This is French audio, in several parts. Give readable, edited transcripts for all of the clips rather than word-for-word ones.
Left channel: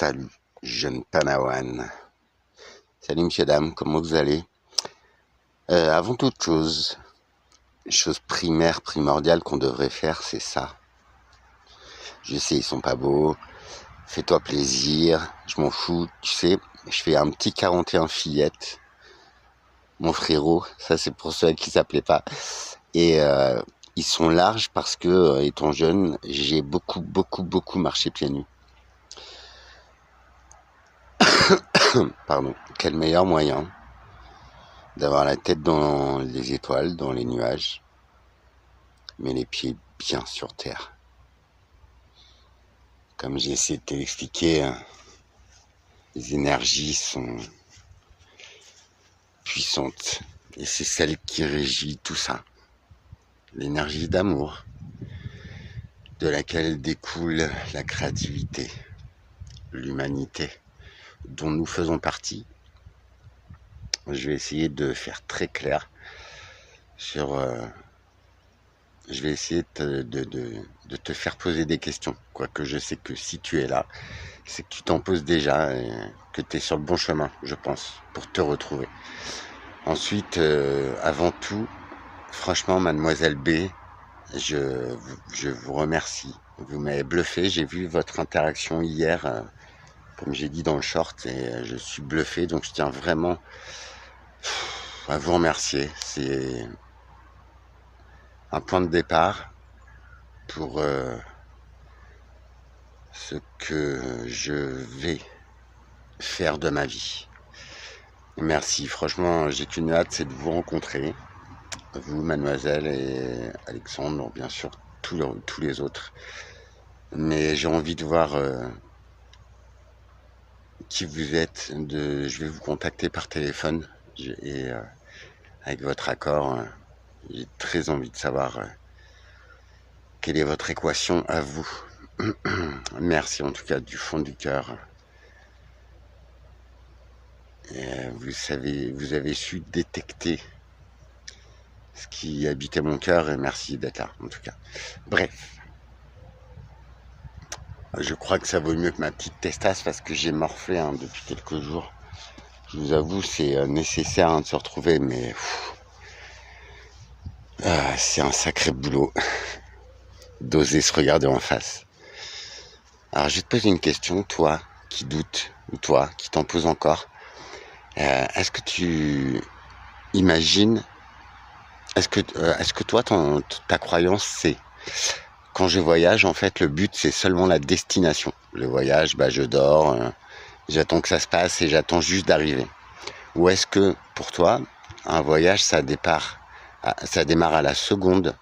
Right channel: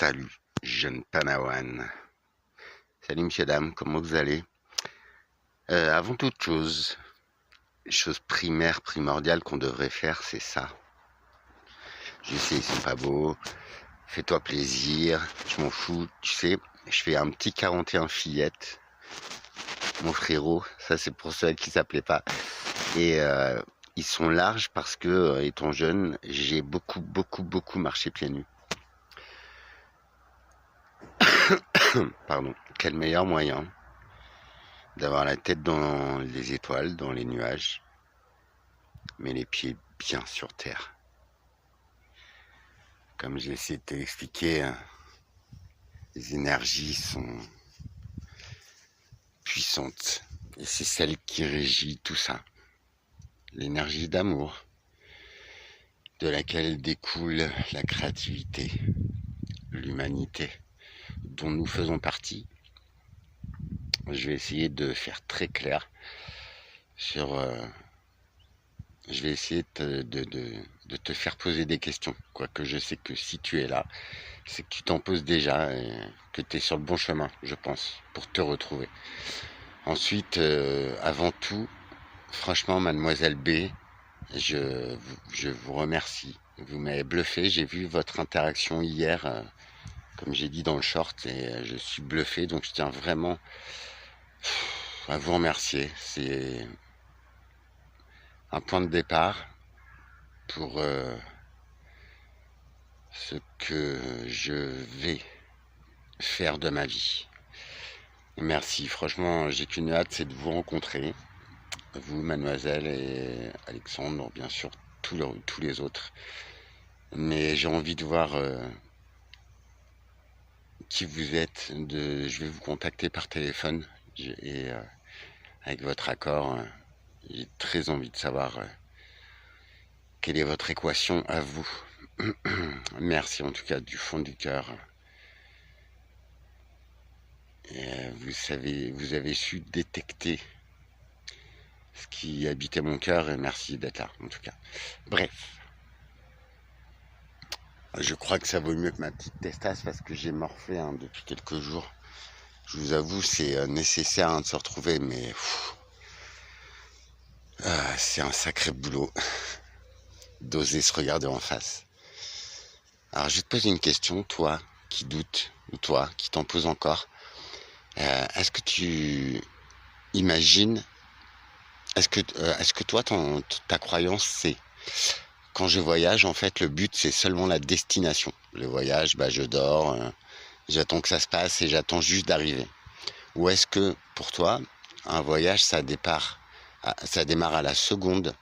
Salut, jeune Panawan. Salut monsieur, dame, comment vous allez? Avant toute chose primaire, primordiale qu'on devrait faire, c'est ça. Je sais, ils sont pas beaux. Fais-toi plaisir, je m'en fous. Tu sais, je fais un petit 41 fillettes. Mon frérot, ça c'est pour ceux qui s'appelaient pas. Et ils sont larges parce que, étant jeune, j'ai beaucoup marché pieds nus. Pardon. Quel meilleur moyen d'avoir la tête dans les étoiles, dans les nuages, mais les pieds bien sur terre. Comme j'essaie de te l'expliquer, les énergies sont puissantes et c'est celle qui régit tout ça. L'énergie d'amour, de laquelle découle la créativité, l'humanité, dont nous faisons partie. Je vais essayer de faire très clair sur... je vais essayer de te faire poser des questions. Quoique je sais que si tu es là, c'est que tu t'en poses déjà et que tu es sur le bon chemin, je pense, pour te retrouver. Ensuite, avant tout, franchement, mademoiselle B, je vous remercie. Vous m'avez bluffé. J'ai vu votre interaction hier, comme j'ai dit dans le short, et je suis bluffé. Donc je tiens vraiment à vous remercier. C'est un point de départ pour ce que je vais faire de ma vie. Merci, franchement, j'ai qu'une hâte, c'est de vous rencontrer, vous, mademoiselle, et Alexandre, bien sûr, tous les autres. Mais j'ai envie de voir qui vous êtes. Je vais vous contacter par téléphone et avec votre accord, j'ai très envie de savoir quelle est votre équation à vous. Merci en tout cas du fond du cœur. Vous avez su détecter ce qui habitait mon cœur et merci d'être là en tout cas. Bref, je crois que ça vaut mieux que ma petite testasse parce que j'ai morflé depuis quelques jours. Je vous avoue, c'est nécessaire de se retrouver, mais c'est un sacré boulot d'oser se regarder en face. Alors je vais te poser une question, toi qui doutes, ou toi qui t'en poses encore. Est-ce que tu imagines, est-ce que toi, ta croyance, c'est quand je voyage, en fait, le but, c'est seulement la destination. Le voyage, je dors, j'attends que ça se passe et j'attends juste d'arriver. Ou est-ce que, pour toi, un voyage, ça démarre à la seconde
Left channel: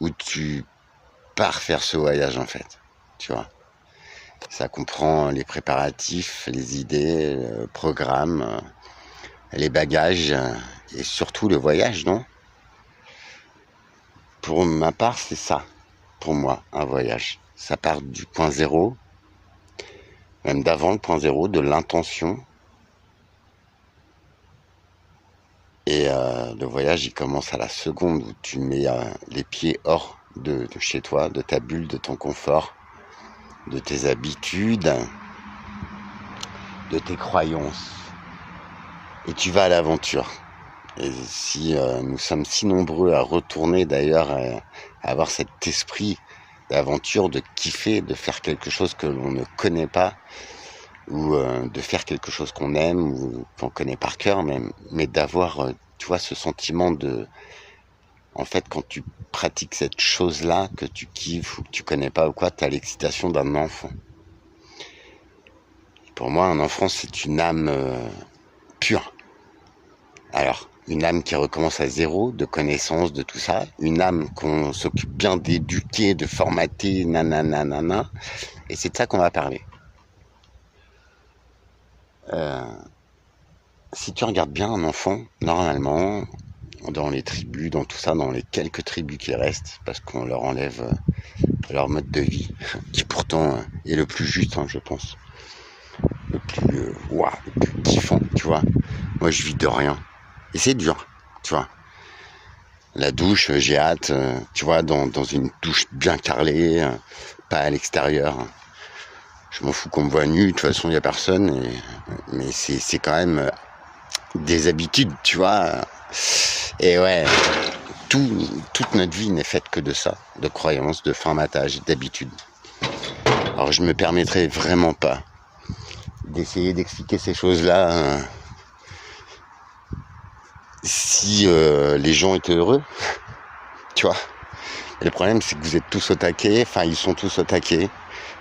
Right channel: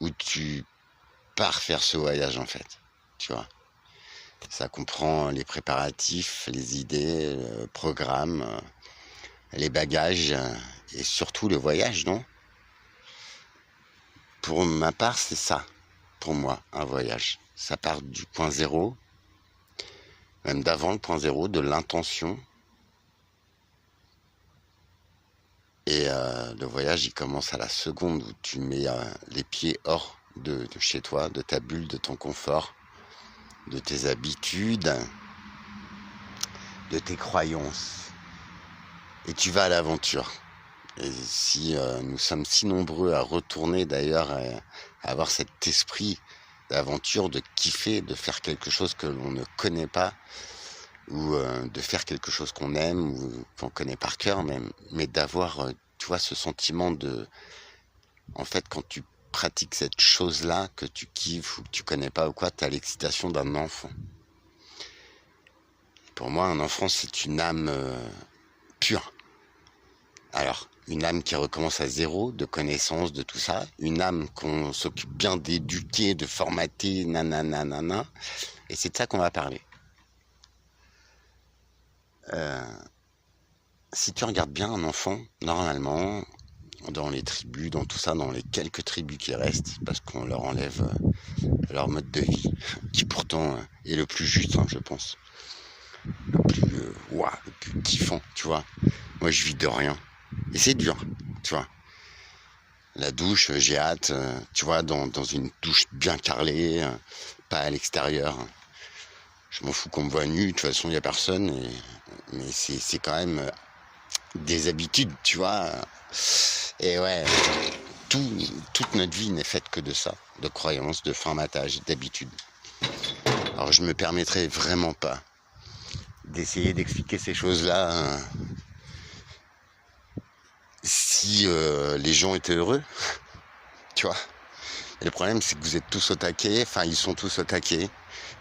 où tu pars faire ce voyage, en fait, tu vois. Ça comprend les préparatifs, les idées, le programme, les bagages et surtout le voyage, non? Pour ma part, c'est ça, pour moi, un voyage. Ça part du point zéro, même d'avant le point zéro, de l'intention. Et le voyage, il commence à la seconde où tu mets les pieds hors de chez toi, de ta bulle, de ton confort, de tes habitudes, de tes croyances. Et tu vas à l'aventure. Et si nous sommes si nombreux à retourner d'ailleurs, à avoir cet esprit d'aventure, de kiffer, de faire quelque chose que l'on ne connaît pas, ou de faire quelque chose qu'on aime, ou qu'on connaît par cœur même, mais d'avoir, tu vois, ce sentiment de... En fait, quand tu pratiques cette chose-là, que tu kiffes, ou que tu connais pas ou quoi, tu as l'excitation d'un enfant. Pour moi, un enfant, c'est une âme pure. Alors, une âme qui recommence à zéro, de connaissances, de tout ça. Une âme qu'on s'occupe bien d'éduquer, de formater, nanana. Et c'est de ça qu'on va parler. Si tu regardes bien un enfant, normalement, dans les tribus, dans tout ça, dans les quelques tribus qui restent, parce qu'on leur enlève leur mode de vie, qui pourtant est le plus juste, je pense. Le plus kiffant, tu vois. Moi, je vis de rien. Et c'est dur, tu vois. La douche, j'ai hâte, tu vois, dans une douche bien carrelée, pas à l'extérieur. Je m'en fous qu'on me voit nu, de toute façon il n'y a personne, mais c'est quand même des habitudes, tu vois. Et ouais, toute notre vie n'est faite que de ça, de croyances, de formatage, d'habitudes. Alors je me permettrai vraiment pas d'essayer d'expliquer ces choses-là si les gens étaient heureux, tu vois. Et le problème, c'est que vous êtes tous au taquet, enfin ils sont tous au taquet,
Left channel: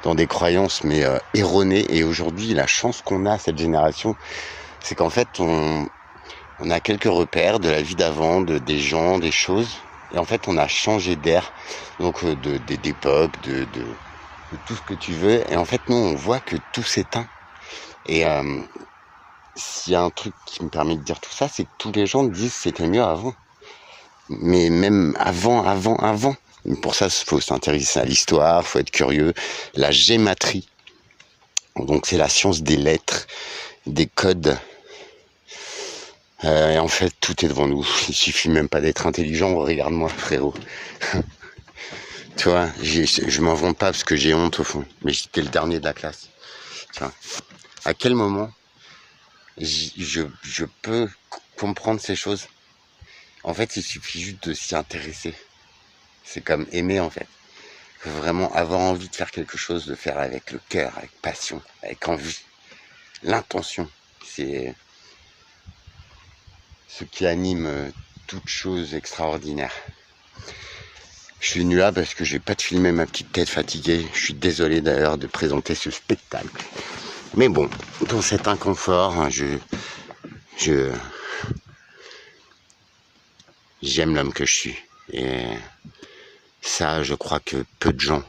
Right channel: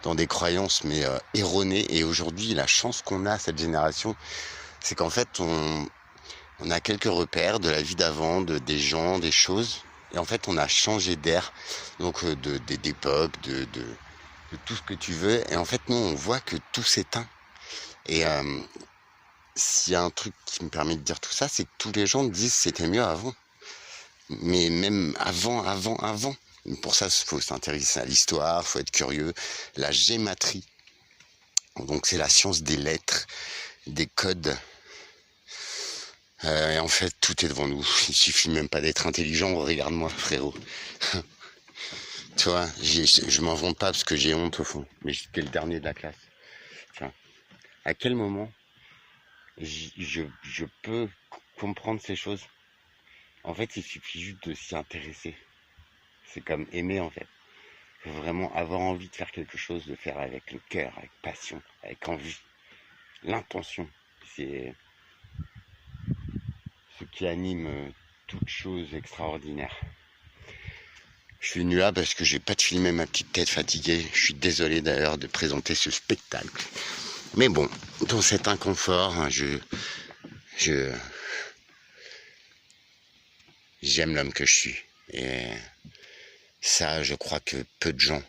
dans des croyances mais erronées. Et aujourd'hui, la chance qu'on a, cette génération, c'est qu'en fait, on a quelques repères de la vie d'avant, des gens, des choses. Et en fait, on a changé d'air, donc d'époque, de tout ce que tu veux. Et en fait, nous, on voit que tout s'éteint. Et s'il y a un truc qui me permet de dire tout ça, c'est que tous les gens disent que c'était mieux avant. Mais même avant. Pour ça, il faut s'intéresser à l'histoire, il faut être curieux. La gématrie, donc c'est la science des lettres, des codes. Et en fait, tout est devant nous. Il suffit même pas d'être intelligent. Regarde-moi, frérot. Tu vois, je m'en vante pas parce que j'ai honte au fond. Mais j'étais le dernier de la classe. Tu vois, à quel moment je peux comprendre ces choses? En fait, il suffit juste de s'y intéresser. C'est comme aimer, en fait. Il faut vraiment avoir envie de faire quelque chose, de faire avec le cœur, avec passion, avec envie. L'intention, c'est ce qui anime toute chose extraordinaire. Je suis venu là parce que j'ai pas de filmer ma petite tête fatiguée. Je suis désolé d'ailleurs de présenter ce spectacle. Mais bon, dans cet inconfort, j'aime l'homme que je suis. Et ça, je crois que peu de gens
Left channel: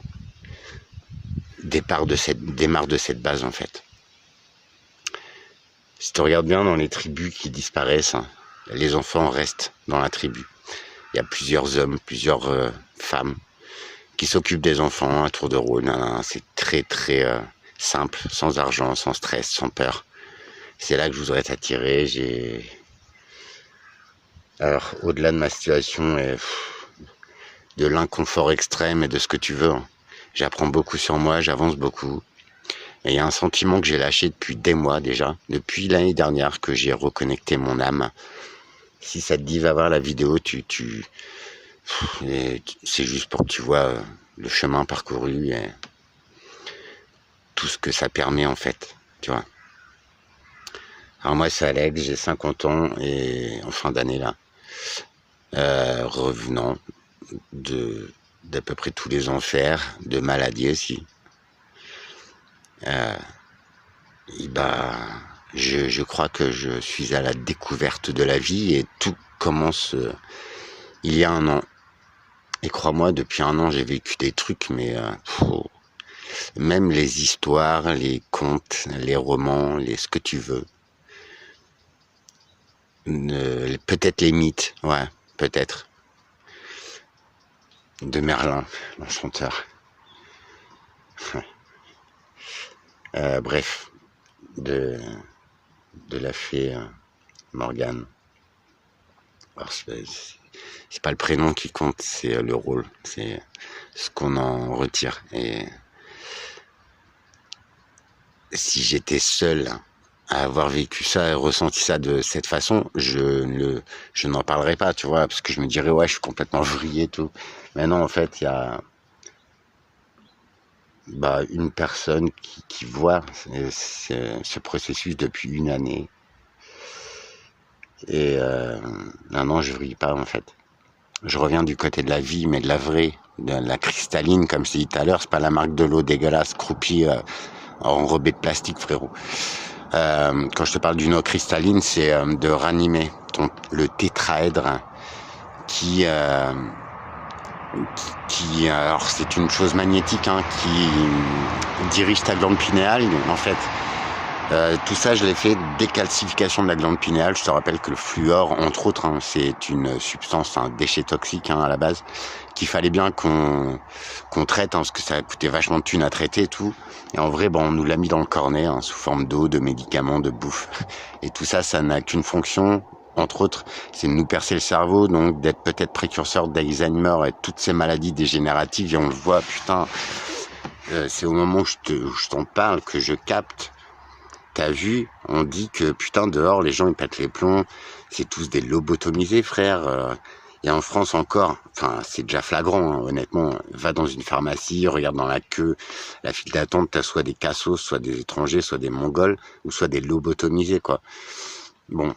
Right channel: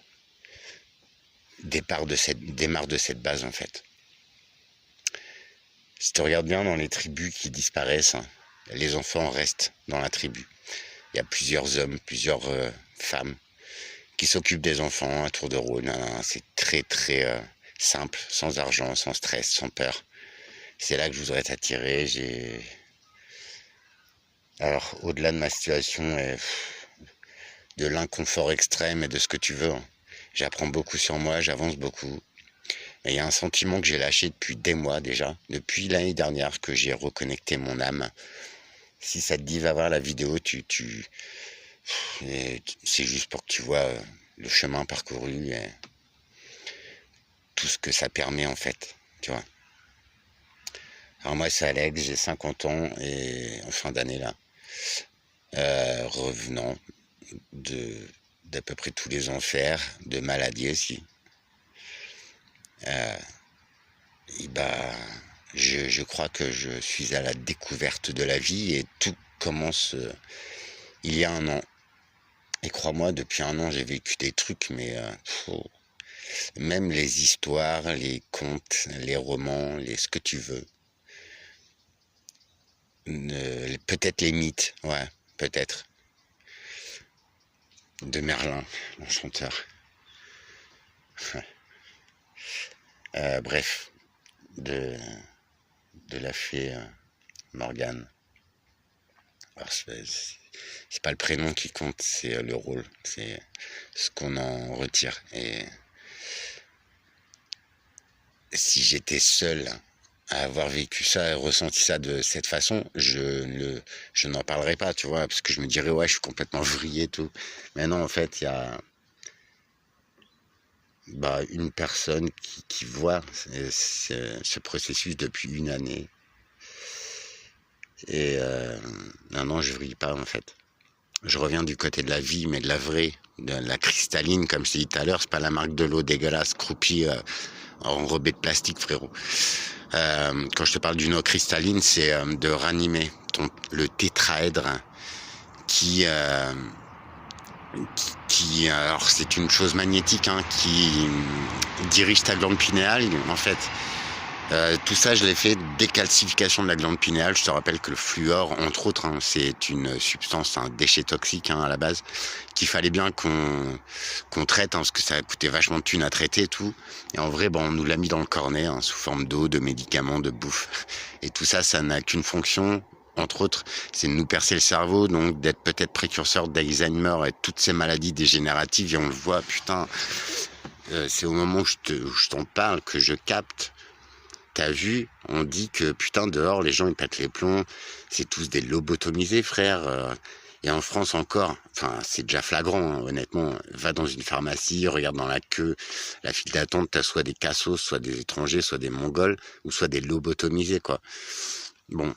démarrent de cette base en fait. Si tu regardes bien dans les tribus qui disparaissent, les enfants restent dans la tribu. Il y a plusieurs hommes, plusieurs femmes qui s'occupent des enfants à tour de rôle. C'est très très simple, sans argent, sans stress, sans peur. C'est là que je voudrais t'attirer. Alors, au-delà de ma situation et de l'inconfort extrême et de ce que tu veux, j'apprends beaucoup sur moi, j'avance beaucoup. Et il y a un sentiment que j'ai lâché depuis des mois déjà, depuis l'année dernière que j'ai reconnecté mon âme. Si ça te dit, va voir la vidéo, c'est juste pour que tu vois le chemin parcouru et tout ce que ça permet en fait, tu vois. Alors moi c'est Alex, j'ai 50 ans et en fin d'année là, revenant d'à peu près tous les enfers, de maladie aussi. Et je crois que je suis à la découverte de la vie et tout commence il y a un an. Et crois-moi, depuis un an, j'ai vécu des trucs, mais même les histoires, les contes, les romans, ce que tu veux. Peut-être les mythes, ouais, peut-être. De Merlin, l'enchanteur. Bref, de la fée Morgane. Alors, c'est pas le prénom qui compte, c'est le rôle, c'est ce qu'on en retire. Et si j'étais seul à avoir vécu ça et ressenti ça de cette façon, je n'en parlerais pas, tu vois, parce que je me dirais ouais, je suis complètement vrillé et tout. Mais non, en fait, il y a une personne qui voit ce processus depuis une année. Et non, je vrille pas en fait. Je reviens du côté de la vie, mais de la vraie, de la cristalline, comme je t'ai dit tout à l'heure. C'est pas la marque de l'eau dégueulasse, croupie, enrobée de plastique, frérot. Quand je te parle d'une eau cristalline, c'est de ranimer le tétraèdre qui alors c'est une chose magnétique qui dirige ta glande pinéale en fait. Tout ça, je l'ai fait décalcification de la glande pinéale. Je te rappelle que le fluor, entre autres, c'est une substance, un déchet toxique à la base, qu'il fallait bien qu'on traite, parce que ça a coûté vachement de thunes à traiter et tout. Et en vrai, on nous l'a mis dans le cornet, sous forme d'eau, de médicaments, de bouffe. Et tout ça, ça n'a qu'une fonction, entre autres, c'est de nous percer le cerveau, donc d'être peut-être précurseur d'Alzheimer et toutes ces maladies dégénératives. Et on le voit, putain, c'est au moment où je t'en parle que je capte. T'as vu, on dit que putain dehors les gens ils pètent les plombs, c'est tous des lobotomisés frère. Et en France encore, enfin c'est déjà flagrant, hein, honnêtement. Va dans une pharmacie, regarde dans la queue, la file d'attente, t'as soit des cassos, soit des étrangers, soit des mongols, ou soit des lobotomisés quoi. Bon,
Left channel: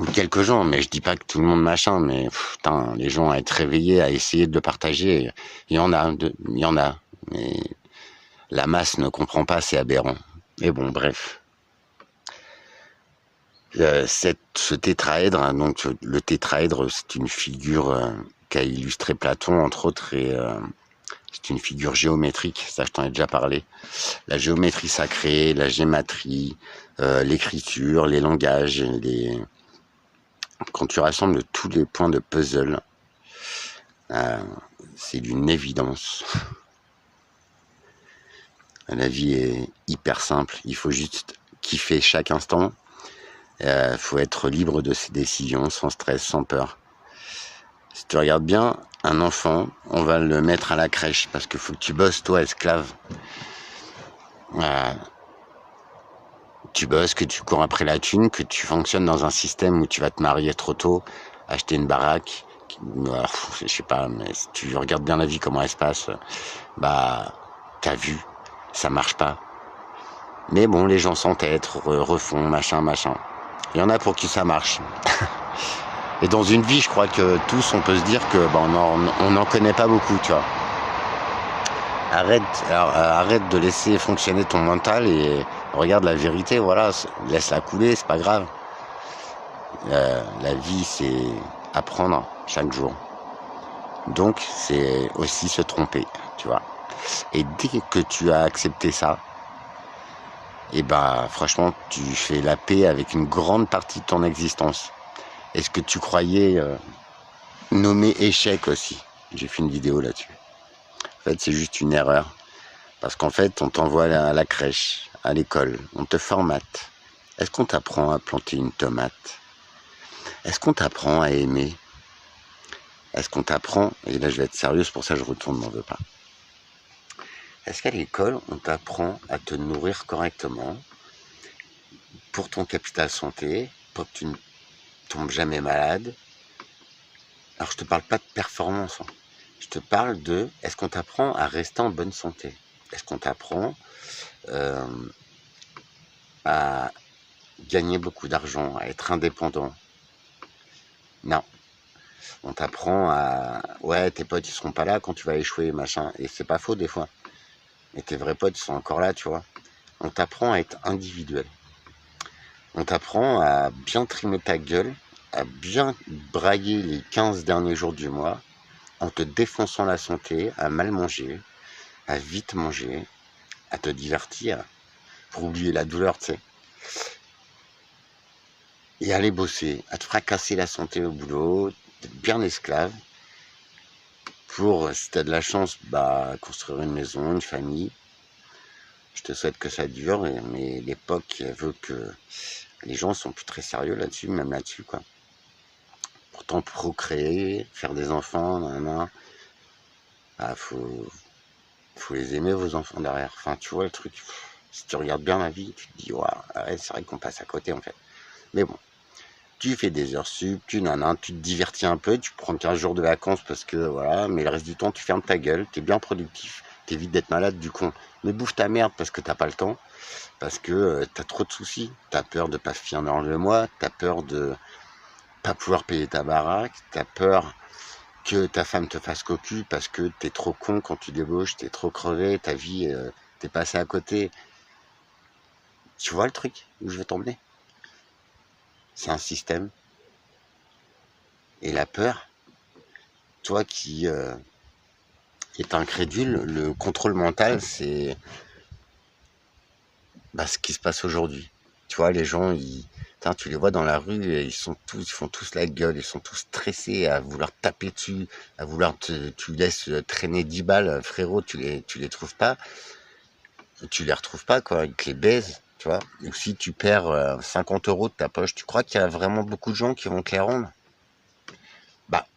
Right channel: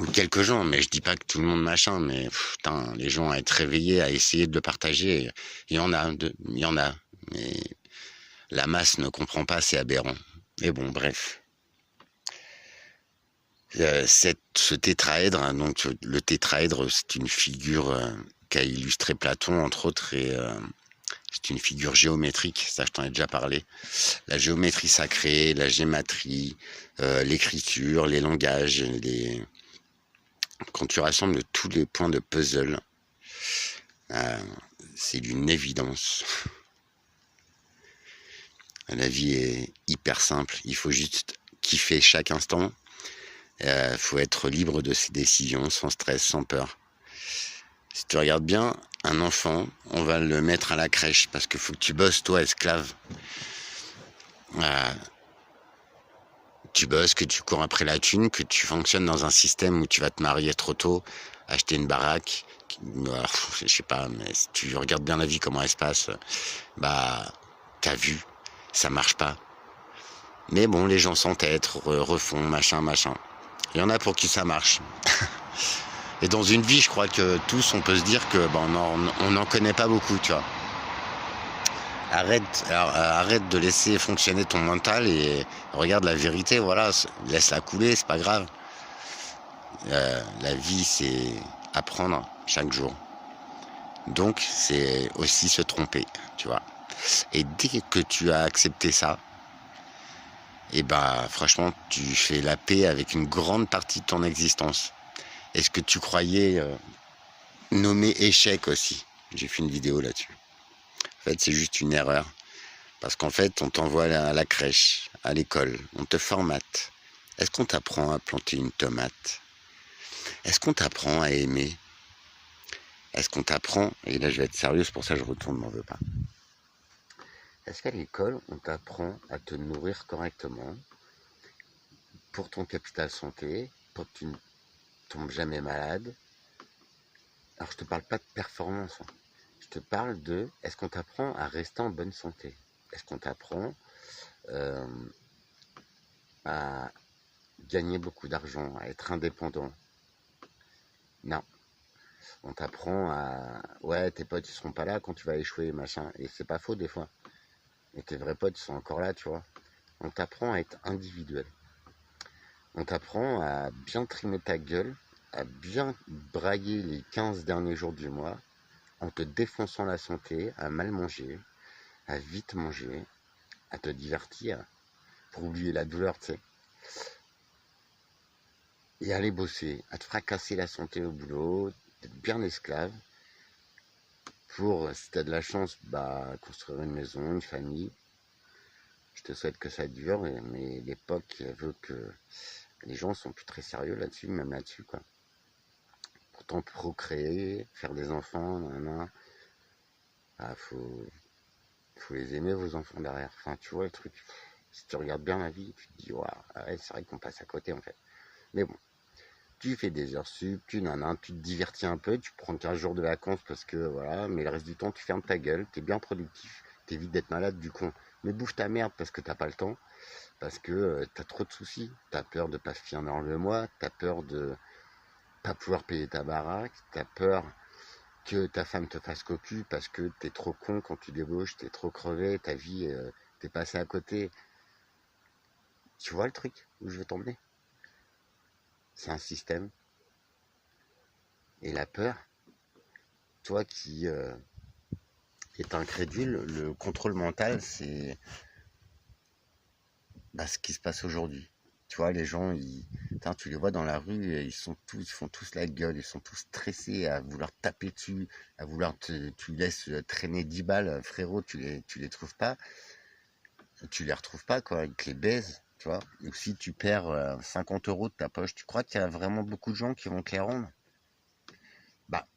ou quelques gens, mais je dis pas que tout le monde machin, mais putain, les gens à être réveillés, à essayer de le partager, il y en a, il y en a, mais la masse ne comprend pas, c'est aberrant. Et bon, bref. Ce tétraèdre, hein, donc le tétraèdre, c'est une figure qu'a illustré Platon, entre autres, et c'est une figure géométrique, ça je t'en ai déjà parlé. La géométrie sacrée, la gématrie, l'écriture, les langages, quand tu rassembles tous les points de puzzle, c'est d'une évidence. La vie est hyper simple, il faut juste kiffer chaque instant. Faut être libre de ses décisions, sans stress, sans peur. Si tu regardes bien, un enfant, on va le mettre à la crèche, parce qu'il faut que tu bosses, toi, esclave. Tu bosses, que tu cours après la thune, que tu fonctionnes dans un système où tu vas te marier trop tôt, acheter une baraque, je sais pas, mais si tu regardes bien la vie, comment elle se passe, bah, t'as vu, ça marche pas. Mais bon, les gens s'entêtent, refont, machin. Il y en a pour qui ça marche. Et dans une vie, je crois que tous, on peut se dire que on n'en connaît pas beaucoup, tu vois. Arrête de laisser fonctionner ton mental et regarde la vérité, voilà, laisse-la couler, c'est pas grave. La vie, c'est apprendre chaque jour. Donc, c'est aussi se tromper, tu vois. Et dès que tu as accepté ça, et bah, franchement, tu fais la paix avec une grande partie de ton existence. Et ce que tu croyais nommer échec aussi. J'ai fait une vidéo là-dessus. En fait, c'est juste une erreur. Parce qu'en fait, on t'envoie à la crèche, à l'école, on te formate. Est-ce qu'on t'apprend à planter une tomate? Est-ce qu'on t'apprend à aimer? Est-ce qu'on t'apprend, et là je vais être sérieux, c'est pour ça que je retourne, m'en veux pas. Est-ce qu'à l'école, on t'apprend à te nourrir correctement pour ton capital santé, pour que tu ne tombes jamais malade? Alors je te parle pas de performance, hein. Je te parle de, est-ce qu'on t'apprend à rester en bonne santé? Est-ce qu'on t'apprend à gagner beaucoup d'argent, à être indépendant? Non. On t'apprend à... Ouais, tes potes, ils seront pas là quand tu vas échouer, machin. Et c'est pas faux, des fois. Et tes vrais potes, ils sont encore là, tu vois. On t'apprend à être individuel. On t'apprend à bien trimer ta gueule, à bien brailler les 15 derniers jours du mois, en te défonçant la santé, à mal manger, à vite manger, à te divertir, pour oublier la douleur, tu sais. Et aller bosser, à te fracasser la santé au boulot, d'être bien esclave, pour, si t'as de la chance, bah, construire une maison, une famille. Je te souhaite que ça dure, mais l'époque veut que les gens sont plus très sérieux là-dessus, même là-dessus, quoi. Pourtant, procréer, faire des enfants, bah, faut les aimer, vos enfants, derrière. Enfin, tu vois le truc. Si tu regardes bien la vie, tu te dis, ouais, c'est vrai qu'on passe à côté, en fait. Mais bon, tu fais des heures sup, tu te divertis un peu, tu prends 15 jours de vacances parce que, voilà, mais le reste du temps, tu fermes ta gueule, t'es bien productif, t'évites d'être malade du con. Mais bouffe ta merde parce que t'as pas le temps, parce que t'as trop de soucis. T'as peur de pas finir le mois, t'as peur de pas pouvoir payer ta baraque, t'as peur que ta femme te fasse cocu parce que t'es trop con quand tu débauches, t'es trop crevé, ta vie, t'es passé à côté. Tu vois le truc où je veux t'emmener? C'est un système. Et la peur, toi qui est incrédule, le contrôle mental, c'est ce qui se passe aujourd'hui. Tu vois, les gens, tu les vois dans la rue, et ils font tous la gueule, ils sont tous stressés à vouloir taper dessus, à vouloir tu laisses traîner 10 balles, frérot, tu les trouves pas, tu les retrouves pas, quoi, ils te les baisent, tu vois. Ou si tu perds 50 € de ta poche, tu crois qu'il y a vraiment beaucoup de gens qui vont te les rendre? Bah,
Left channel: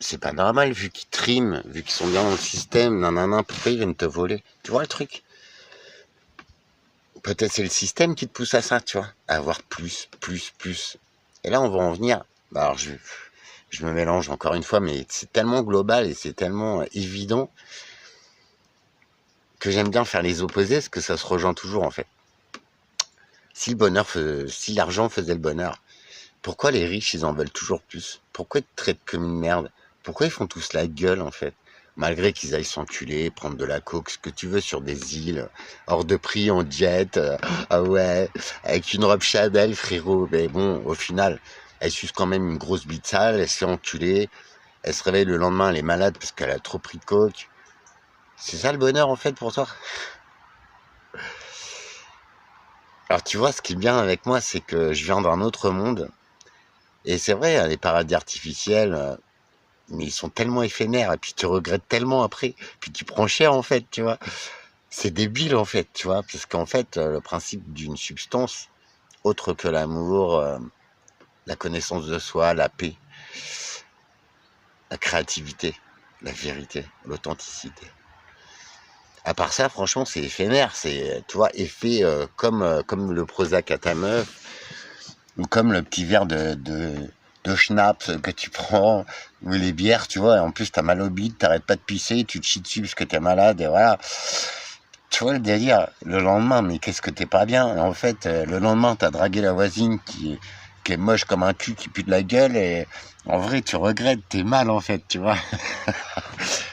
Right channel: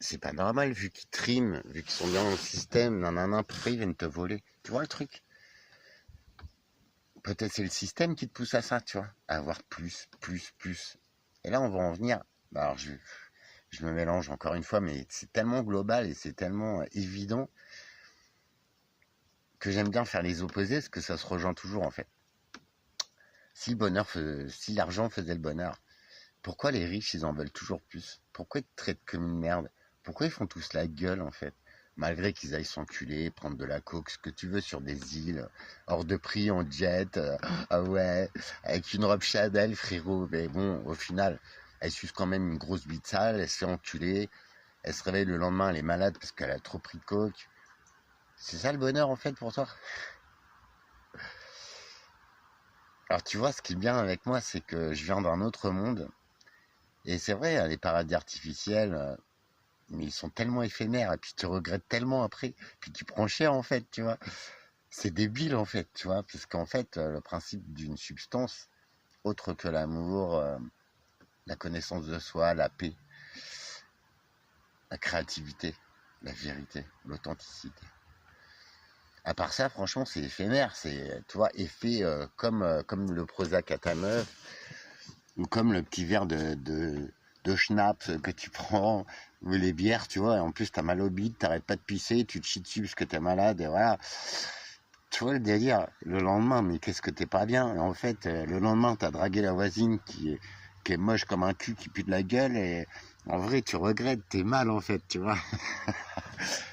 c'est pas normal, vu qu'ils triment, vu qu'ils sont bien dans le système, nanana, pourquoi ils viennent te voler? Tu vois le truc? Peut-être c'est le système qui te pousse à ça, tu vois, à avoir plus, plus, plus. Et là, on va en venir. Alors, je me mélange encore une fois, mais c'est tellement global et c'est tellement évident que j'aime bien faire les opposés, parce que ça se rejoint toujours, en fait. Si l'argent faisait le bonheur, pourquoi les riches, ils en veulent toujours plus? Pourquoi ils te traitent comme une merde? Pourquoi ils font tous la gueule, en fait? Malgré qu'ils aillent s'enculer, prendre de la coke, ce que tu veux, sur des îles, hors de prix, en jet, ah ouais, avec une robe Chanel, frérot. Mais bon, au final, elle suce quand même une grosse bite sale, elle se fait enculer, elle se réveille le lendemain, elle est malade parce qu'elle a trop pris de coke. C'est ça le bonheur, en fait, pour toi? Alors, tu vois, ce qui est bien avec moi, c'est que je viens d'un autre monde. Et c'est vrai, hein, les paradis artificiels, mais ils sont tellement éphémères, et puis tu regrettes tellement après, puis tu prends cher, en fait, tu vois. C'est débile, en fait, tu vois, parce qu'en fait, le principe d'une substance, autre que l'amour, la connaissance de soi, la paix, la créativité, la vérité, l'authenticité. À part ça, franchement, c'est éphémère, c'est, tu vois, effet comme le Prozac à ta meuf, ou comme le petit verre de schnapps que tu prends, ou les bières, tu vois, et en plus t'as mal au bide, t'arrêtes pas de pisser, tu te chies dessus parce que t'es malade, et voilà. Tu vois le délire, le lendemain, mais qu'est-ce que t'es pas bien? En fait, le lendemain, t'as dragué la voisine qui est moche comme un cul, qui pue de la gueule, et en vrai, tu regrettes, t'es mal, en fait, tu vois.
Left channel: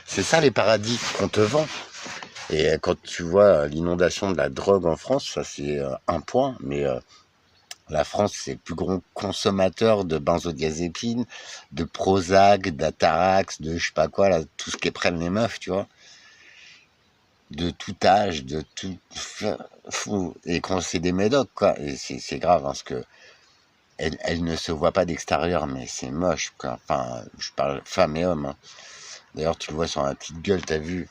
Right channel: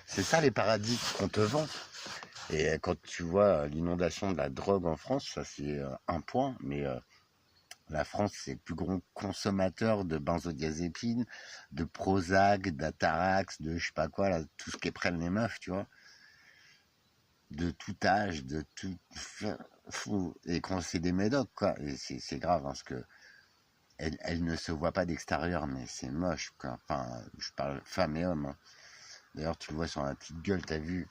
C'est ça les paradis qu'on te vend. Et quand tu vois l'inondation de la drogue en France, ça c'est un point, mais la France, c'est le plus gros consommateur de benzodiazépines, de Prozac, d'Atarax, de je sais pas quoi, là, tout ce qui prennent les meufs, tu vois. De tout âge, de tout. Fou. Et quand c'est des médocs, quoi. Et c'est grave, hein, parce que elle ne se voit pas d'extérieur, mais c'est moche, quoi. Enfin, je parle femmes et hommes, hein. D'ailleurs, tu le vois sur la petite gueule, t'as vu.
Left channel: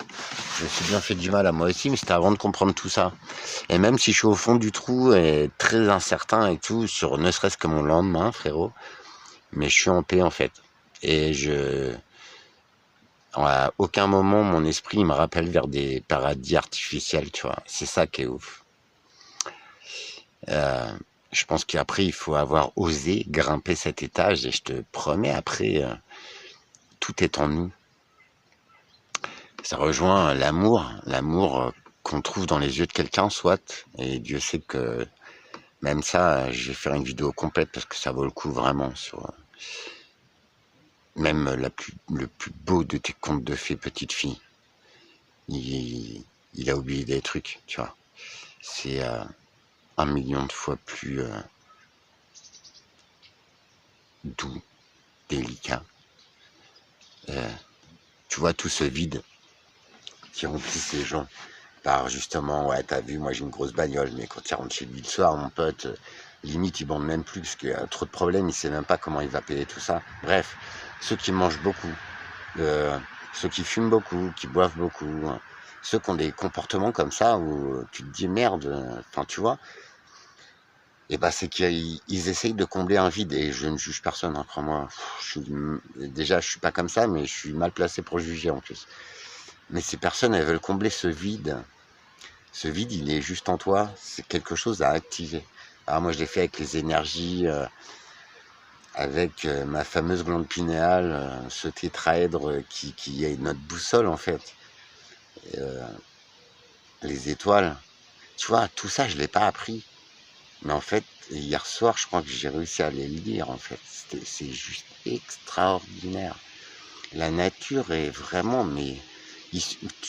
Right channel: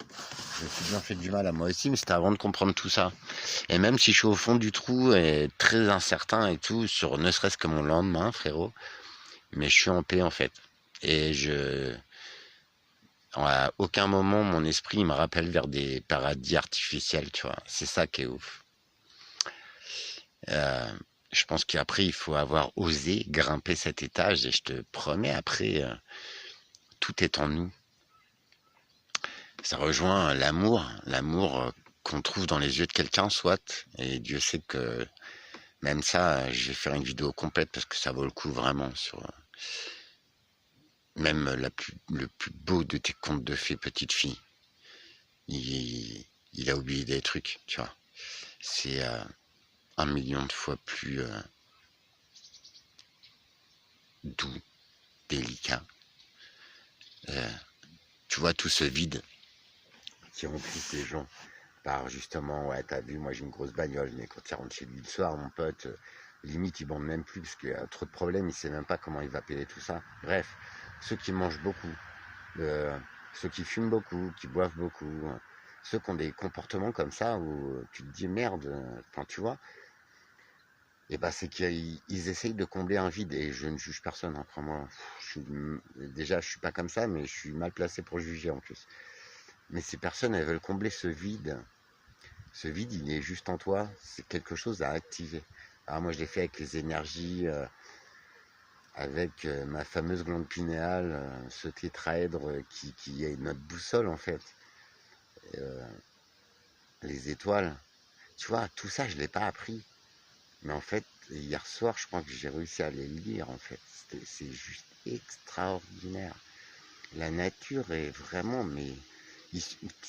Je me suis bien fait du mal à moi aussi, mais c'était avant de comprendre tout ça. Et même si je suis au fond du trou et très incertain et tout, sur ne serait-ce que mon lendemain, frérot, mais je suis en paix en fait. Et à aucun moment mon esprit me rappelle vers des paradis artificiels, tu vois. C'est ça qui est ouf. Euh, je pense qu'après il faut avoir osé grimper cet étage et je te promets après tout est en nous. Ça rejoint l'amour qu'on trouve dans les yeux de quelqu'un, soit. Et Dieu sait que même ça, je vais faire une vidéo complète parce que ça vaut le coup vraiment sur même le plus beau de tes contes de fées, petite fille. Il a oublié des trucs, tu vois. C'est 1 million de fois plus doux, délicat. Tu vois tout ce vide qui remplit ces gens. Par justement, ouais, t'as vu, moi j'ai une grosse bagnole, mais quand il rentre chez lui le soir, mon pote, limite il bande même plus parce qu'il y a trop de problèmes, il sait même pas comment il va payer tout ça. Bref, ceux qui mangent beaucoup, ceux qui fument beaucoup, qui boivent beaucoup, hein, ceux qui ont des comportements comme ça où tu te dis merde, enfin tu vois, et bah c'est qu'ils essayent de combler un vide et je ne juge personne, hein, crois-moi. Déjà je suis pas comme ça, mais je suis mal placé pour juger en plus. Mais ces personnes, elles veulent combler ce vide. Ce vide, il est juste en toi, c'est quelque chose à activer. Alors moi, je l'ai fait avec les énergies, avec ma fameuse glande pinéale, ce tétraèdre qui est notre boussole en fait. Euh, les étoiles, tu vois, tout ça, je ne l'ai pas appris. Mais en fait, hier soir, je crois que j'ai réussi à les lire en fait. C'est juste extraordinaire. La nature est vraiment, mais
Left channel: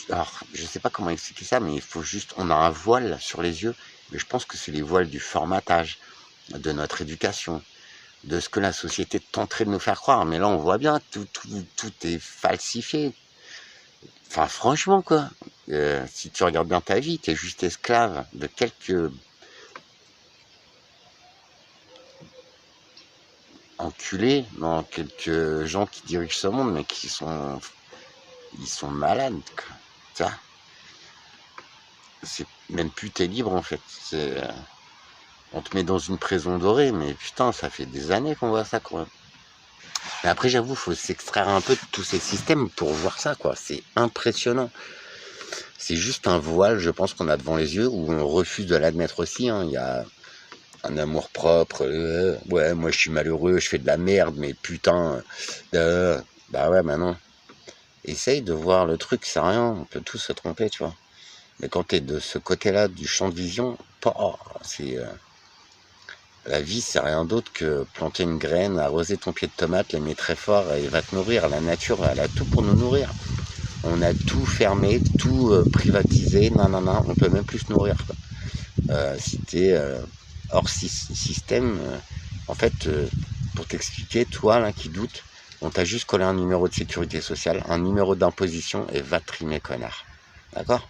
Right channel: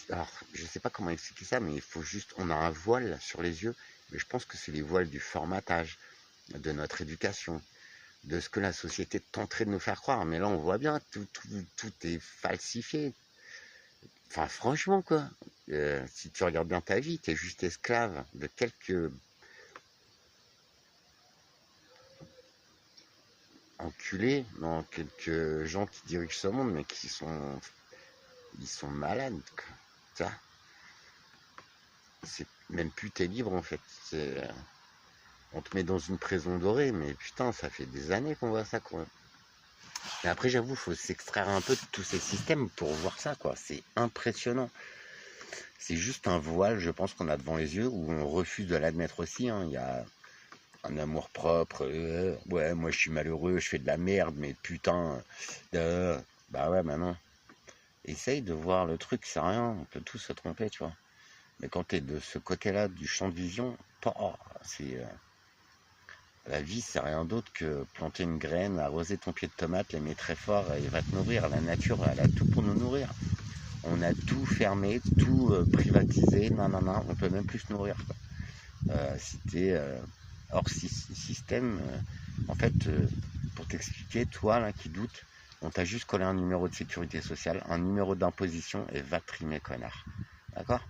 alors, je sais pas comment expliquer ça, mais il faut juste, on a un voile sur les yeux, mais je pense que c'est les voiles du formatage, de notre éducation, de ce que la société tenterait de nous faire croire. Mais là, on voit bien, tout est falsifié. Enfin, franchement, quoi. Si tu regardes bien ta vie, tu es juste esclave de quelques enculés, non, quelques gens qui dirigent ce monde, mais ils sont malades, quoi. Ça, c'est même plus t'es libre en fait. On te met dans une prison dorée, mais putain, ça fait des années qu'on voit ça, quoi. Et après, j'avoue, il faut s'extraire un peu de tous ces systèmes pour voir ça, quoi. C'est impressionnant. C'est juste un voile, je pense, qu'on a devant les yeux, où on refuse de l'admettre aussi, hein. Il y a un amour propre, ouais, moi je suis malheureux, je fais de la merde, mais putain, bah ouais, bah non. Essaye de voir le truc, c'est rien, on peut tous se tromper, tu vois. Mais quand t'es de ce côté-là du champ de vision, c'est la vie, c'est rien d'autre que planter une graine, arroser ton pied de tomate, l'aimer très fort et il va te nourrir. La nature, elle a tout pour nous nourrir. On a tout fermé, tout privatisé, non, on peut même plus se nourrir, quoi. Si t'es hors système, en fait, pour t'expliquer, toi là qui doutes, on t'a juste collé un numéro de sécurité sociale, un numéro d'imposition et va trimer, connard. D'accord?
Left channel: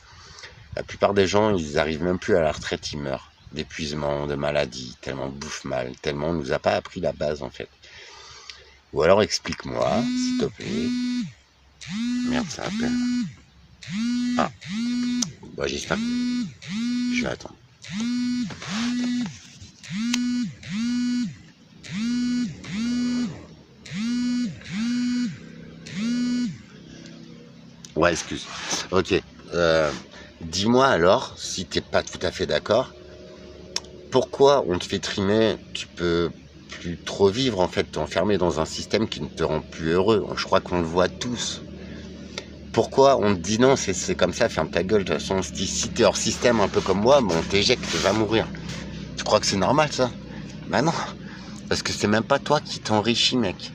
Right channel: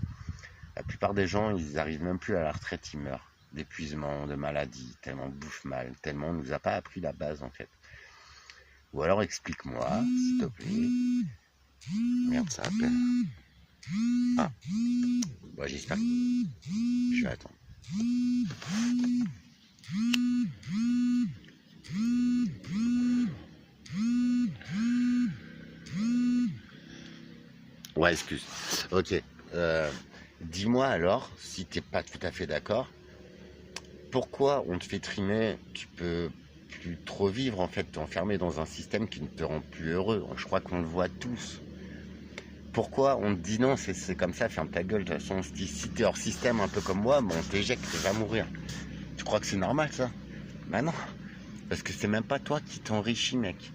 La plupart des gens, ils arrivent même plus à la retraite, ils meurent d'épuisement, de maladie, tellement on bouffe mal, tellement on nous a pas appris la base en fait. Ou alors explique-moi, s'il te plaît. Merde, ça appelle. Ah, bon, j'espère. Je vais attendre. Ouais, excuse. Ok. Dis-moi alors, si t'es pas tout à fait d'accord, pourquoi on te fait trimer, tu peux plus trop vivre en fait, t'es enfermé dans un système qui ne te rend plus heureux. Je crois qu'on le voit tous. Pourquoi on te dit non, c'est comme ça, ferme ta gueule. De toute façon, on se dit si t'es hors système un peu comme moi, bon, on t'éjecte, tu vas mourir. Tu crois que c'est normal ça? Bah non, parce que c'est même pas toi qui t'enrichis, mec.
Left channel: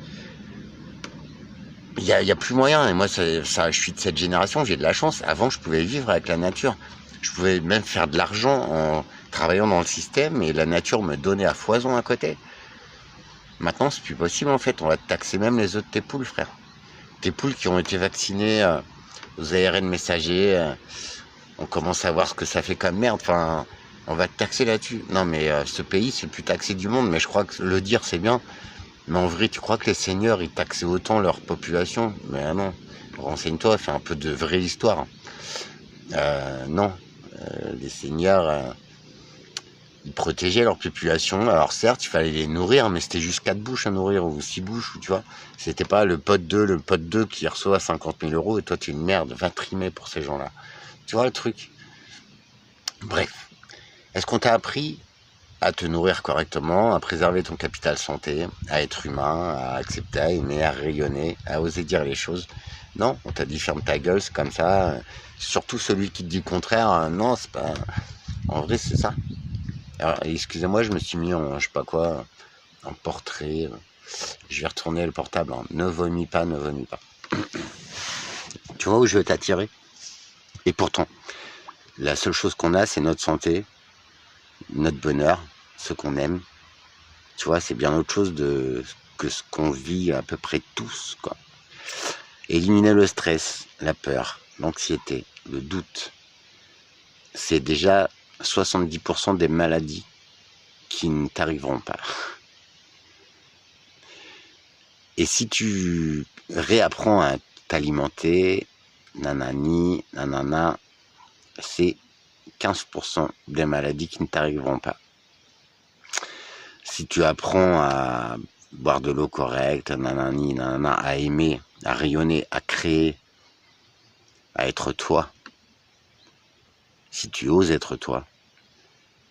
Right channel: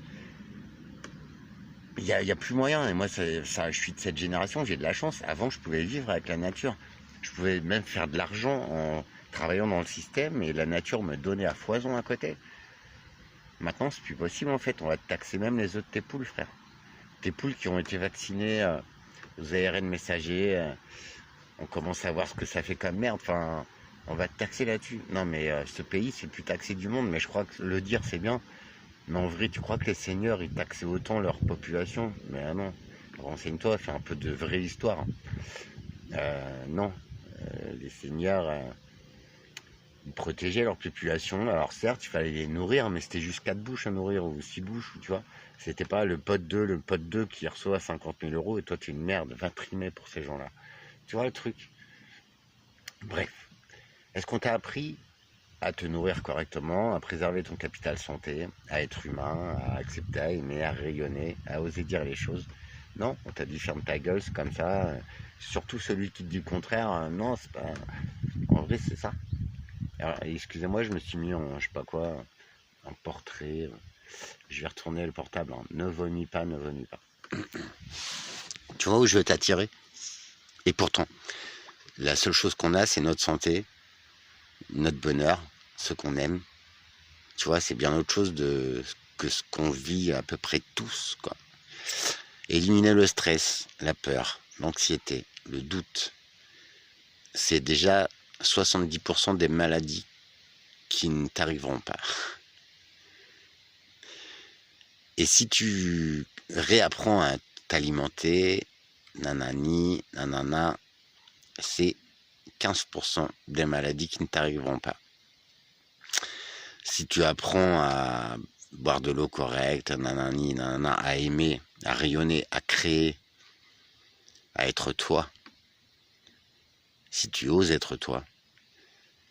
Il y a plus moyen. Et moi, je suis de cette génération, j'ai de la chance. Avant, je pouvais vivre avec la nature. Je pouvais même faire de l'argent en travaillant dans le système et la nature me donnait à foison à côté. Maintenant, c'est plus possible en fait. On va te taxer même les œufs de tes poules, frère. Tes poules qui ont été vaccinées aux ARN messagers. On commence à voir ce que ça fait comme merde. Enfin, on va te taxer là-dessus. Non, mais ce pays, c'est le plus taxé du monde. Mais je crois que le dire, c'est bien. Mais en vrai, tu crois que les seigneurs, ils taxaient autant leur population? Mais non. Renseigne-toi, fais un peu de vraie histoire. Non. Les seigneurs, ils protégeaient leur population. Alors certes, il fallait les nourrir, mais c'était juste 4 bouches à nourrir, ou 6 bouches, tu vois. C'était pas le pote 2 qui reçoit 50 000 euros, et toi, tu es une merde. Va trimer pour ces gens-là. Tu vois le truc? Bref. Est-ce qu'on t'a appris à te nourrir correctement, à préserver ton capital santé, à être humain, à accepter, à aimer, à rayonner, à oser dire les choses? Non, on t'a dit ferme ta gueule, c'est comme ça. Surtout celui qui te dit le contraire, non, c'est pas... En vrai, c'est ça. Alors, excusez-moi, je me suis mis en, je sais pas quoi, en portrait. Je vais retourner le portable. Hein. Ne vomis pas, ne vomis pas. Tu vois où je veux t'attirer? Et pourtant, la seule chose qu'on a, c'est notre santé, notre bonheur, ce qu'on aime. Tu vois, c'est bien autre chose que ce qu'on vit à peu près tous, quoi. Éliminer le stress, la peur, l'anxiété, le doute, c'est déjà 70% des maladies qui ne t'arriveront pas. Et si tu réapprends à t'alimenter, nanani, nanana, c'est 15% des maladies qui ne t'arriveront pas. Si tu apprends à boire de l'eau correcte, nanani, nanana, à aimer, à rayonner, à créer, à être toi, si tu oses être toi,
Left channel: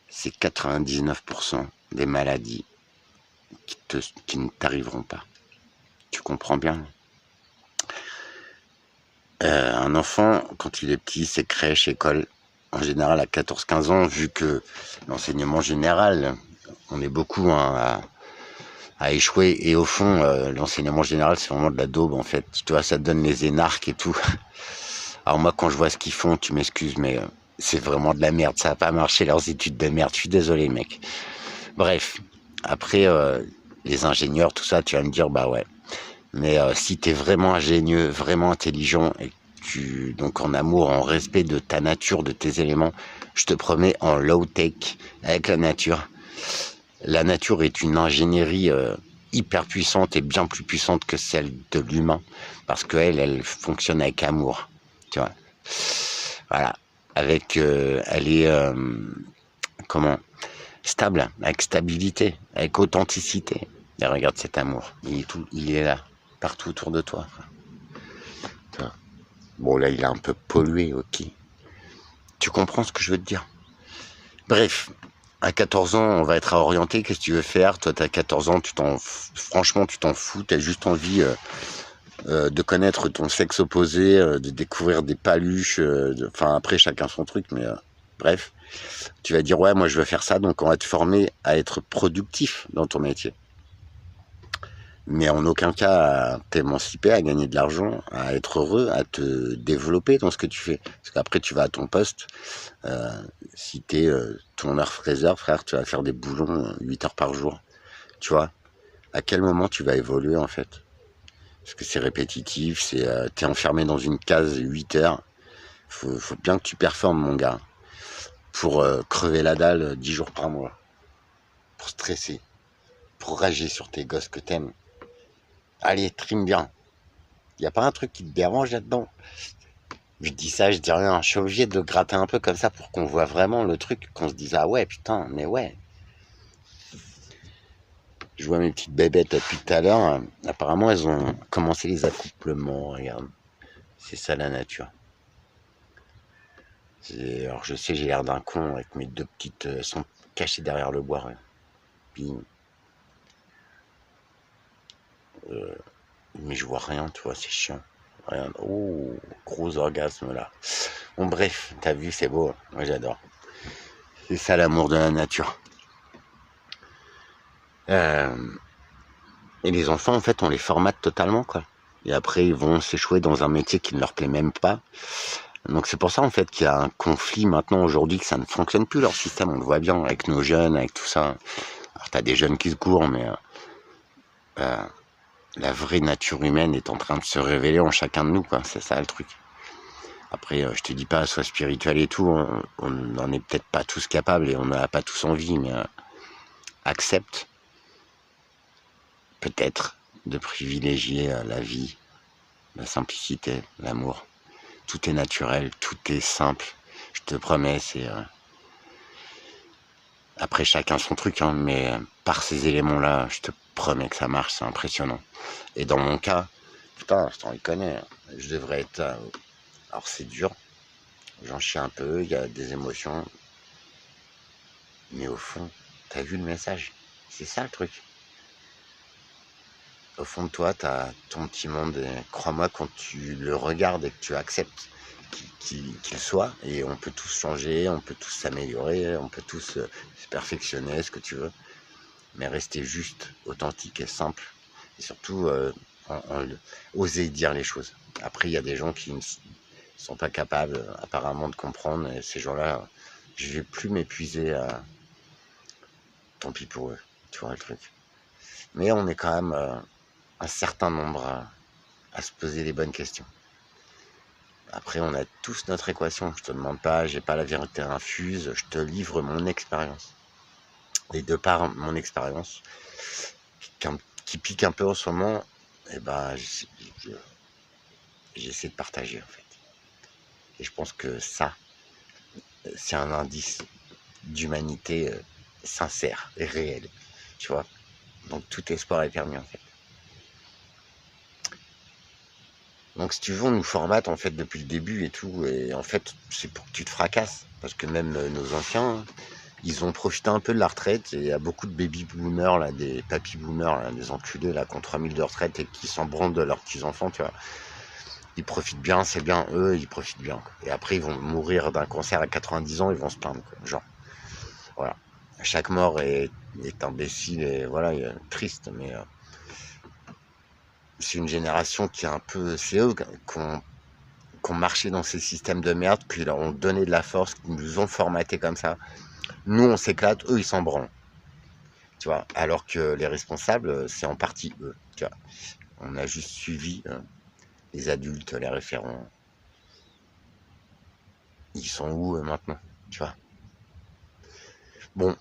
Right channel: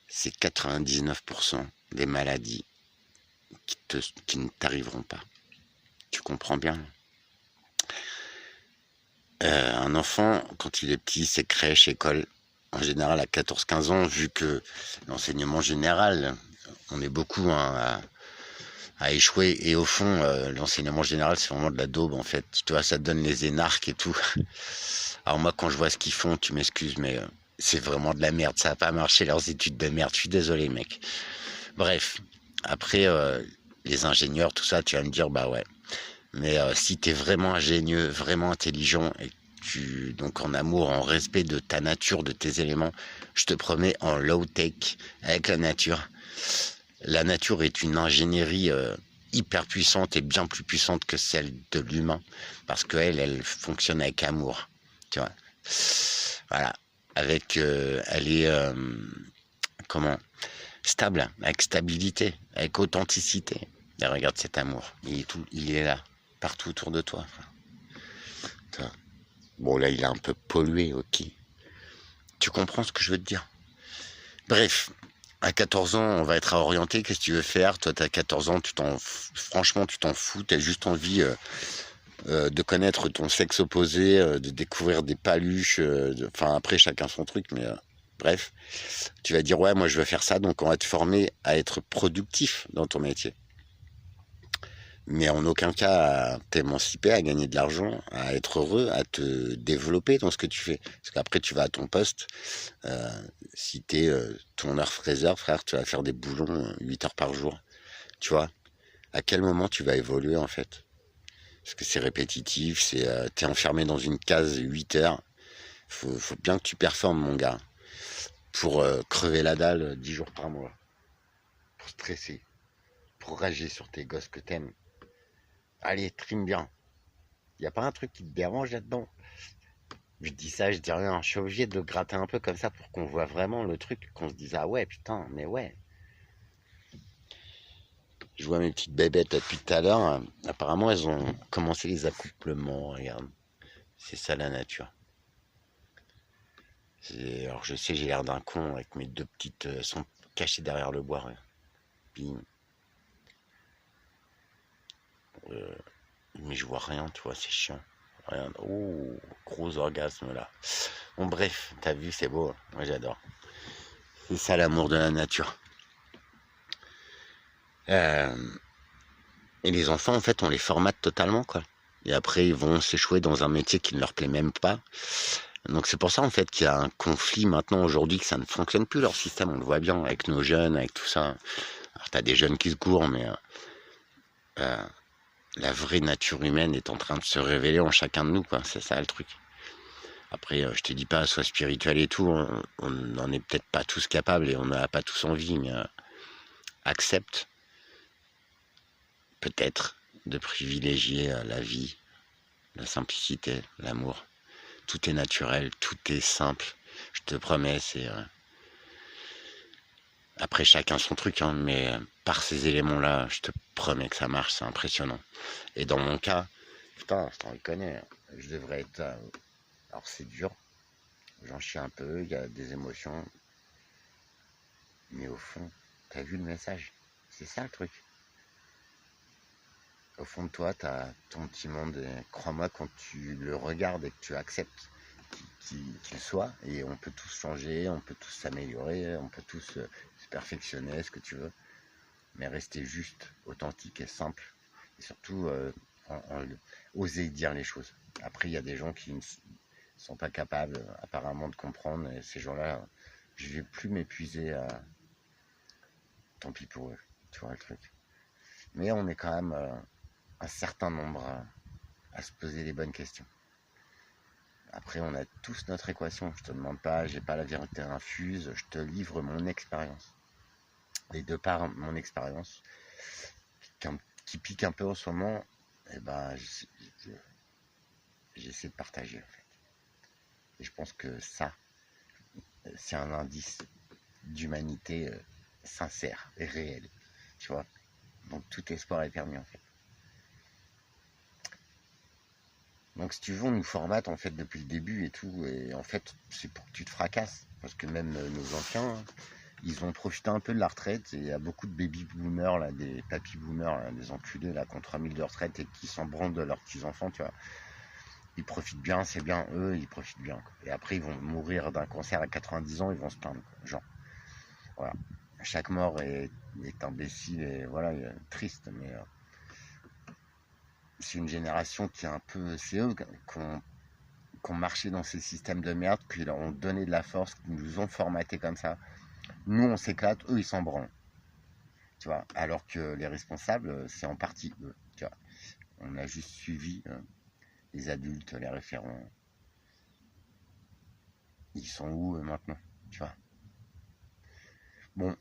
c'est 99% des maladies qui ne t'arriveront pas. Tu comprends bien? Un enfant, quand il est petit, c'est crèche, école, en général à 14-15 ans, vu que l'enseignement général, on est beaucoup à échouer, et au fond, l'enseignement général, c'est vraiment de la daube, en fait. Tu vois, ça te donne les énarques et tout. Alors moi, quand je vois ce qu'ils font, tu m'excuses, mais c'est vraiment de la merde. Ça n'a pas marché, leurs études de merde. Je suis désolé, mec. Bref, après, les ingénieurs, tout ça, tu vas me dire, bah ouais. Mais si tu es vraiment ingénieux, vraiment intelligent, et donc en amour, en respect de ta nature, de tes éléments, je te promets, en low-tech, avec la nature est une ingénierie hyper puissante et bien plus puissante que celle de l'humain, parce qu'elle, elle fonctionne avec amour, tu vois. Voilà, avec, elle est, comment, stable, avec stabilité, avec authenticité. Et regarde cet amour. Il est là, partout autour de toi. Toi. Bon, là, il est un peu pollué, ok. Tu comprends ce que je veux te dire? Bref, à 14 ans, on va être orienté. Qu'est-ce que tu veux faire? Toi, t'as 14 ans, franchement, tu t'en fous. T'as juste envie de connaître ton sexe opposé, de découvrir des paluches. Enfin, après, chacun son truc, mais bref. Tu vas dire, ouais, moi, je veux faire ça. Donc, on va te former à être productif dans ton métier. Mais en aucun cas à t'émanciper, à gagner de l'argent, à être heureux, à te développer dans ce que tu fais. Parce qu'après, tu vas à ton poste. Si t'es ton heure fraiseur, frère, tu vas faire des boulons 8 heures par jour. Tu vois, à quel moment tu vas évoluer, en fait? Parce que c'est répétitif, t'es enfermé dans une case 8 heures. Faut bien que tu performes, mon gars, pour crever la dalle 10 jours par mois. Pour stresser, pour rager sur tes gosses que t'aimes. Allez, trime bien. Y a pas un truc qui te dérange là-dedans? Je dis ça, je dis rien. Je suis obligé de gratter un peu comme ça pour qu'on voit vraiment le truc, qu'on se dise ah ouais putain, mais ouais. Je vois mes petites bébêtes depuis tout à l'heure. Apparemment, elles ont commencé les accouplements. Regarde, c'est ça la nature. Alors je sais, j'ai l'air d'un con avec mes deux petites sont cachées derrière le bois. Ouais. Puis, mais je vois rien, tu vois, c'est chiant. Regarde. Oh, gros orgasme là. Bon bref, t'as vu, c'est beau. Moi j'adore. C'est ça l'amour de la nature. Et les enfants, en fait, on les formate totalement, quoi. Et après, ils vont s'échouer dans un métier qui ne leur plaît même pas. Donc c'est pour ça, en fait, qu'il y a un conflit maintenant, aujourd'hui, que ça ne fonctionne plus, leur système. On le voit bien avec nos jeunes, avec tout ça. Alors, t'as des jeunes qui se courent, mais la vraie nature humaine est en train de se révéler en chacun de nous, quoi. C'est ça, le truc. Après, je te dis pas, sois spirituel et tout. On n'en est peut-être pas tous capables et on n'a pas tous envie, mais accepte, peut-être, de privilégier la vie, la simplicité, l'amour. Tout est naturel, tout est simple. Je te promets, c'est... Après, chacun son truc, hein, mais par ces éléments-là, je te promets que ça marche, c'est impressionnant. Et dans mon cas, putain, je t'en reconnais, je devrais être... alors c'est dur, j'en chie un peu, il y a des émotions, mais au fond, t'as vu le message? C'est ça le truc. Au fond de toi, t'as ton petit monde, et crois-moi, quand tu le regardes et que tu acceptes qu'il soit, et on peut tous changer, on peut tous s'améliorer, on peut tous se perfectionner, ce que tu veux, mais rester juste, authentique et simple, et surtout oser dire les choses. Après, il y a des gens qui ne sont pas capables apparemment de comprendre, et ces gens-là, je vais plus m'épuiser à... Tant pis pour eux, tu vois le truc. Mais on est quand même un certain nombre à se poser les bonnes questions. Après, on a tous notre équation. Je te demande pas, j'ai pas la vérité infuse, je te livre mon expérience. Et de par mon expérience, qui pique un peu en ce moment, eh ben, j'essaie de partager en fait. Et je pense que ça, c'est un indice d'humanité sincère et réelle. Tu vois? Donc tout espoir est permis en fait. Donc si tu veux, on nous formate en fait depuis le début et tout, et en fait c'est pour que tu te fracasses, parce que même nos anciens, ils ont profité un peu de la retraite, et il y a beaucoup de baby boomers là, des papy boomers, là, des enculés là, qui ont 3000 de retraite et qui s'en branlent de leurs petits enfants, tu vois. Ils profitent bien, c'est bien, eux ils profitent bien, quoi. Et après ils vont mourir d'un cancer à 90 ans, ils vont se plaindre, quoi. Genre, voilà. Chaque mort est imbécile et voilà, triste, mais c'est une génération qui est un peu, c'est eux qui ont marché dans ces systèmes de merde, qui leur ont donné de la force, qui nous ont formaté comme ça. Nous, on s'éclate, eux, ils s'en branlent. Tu vois, alors que les responsables, c'est en partie eux. Tu vois, on a juste suivi les adultes, les référents. Ils sont où maintenant? Tu vois. Bon,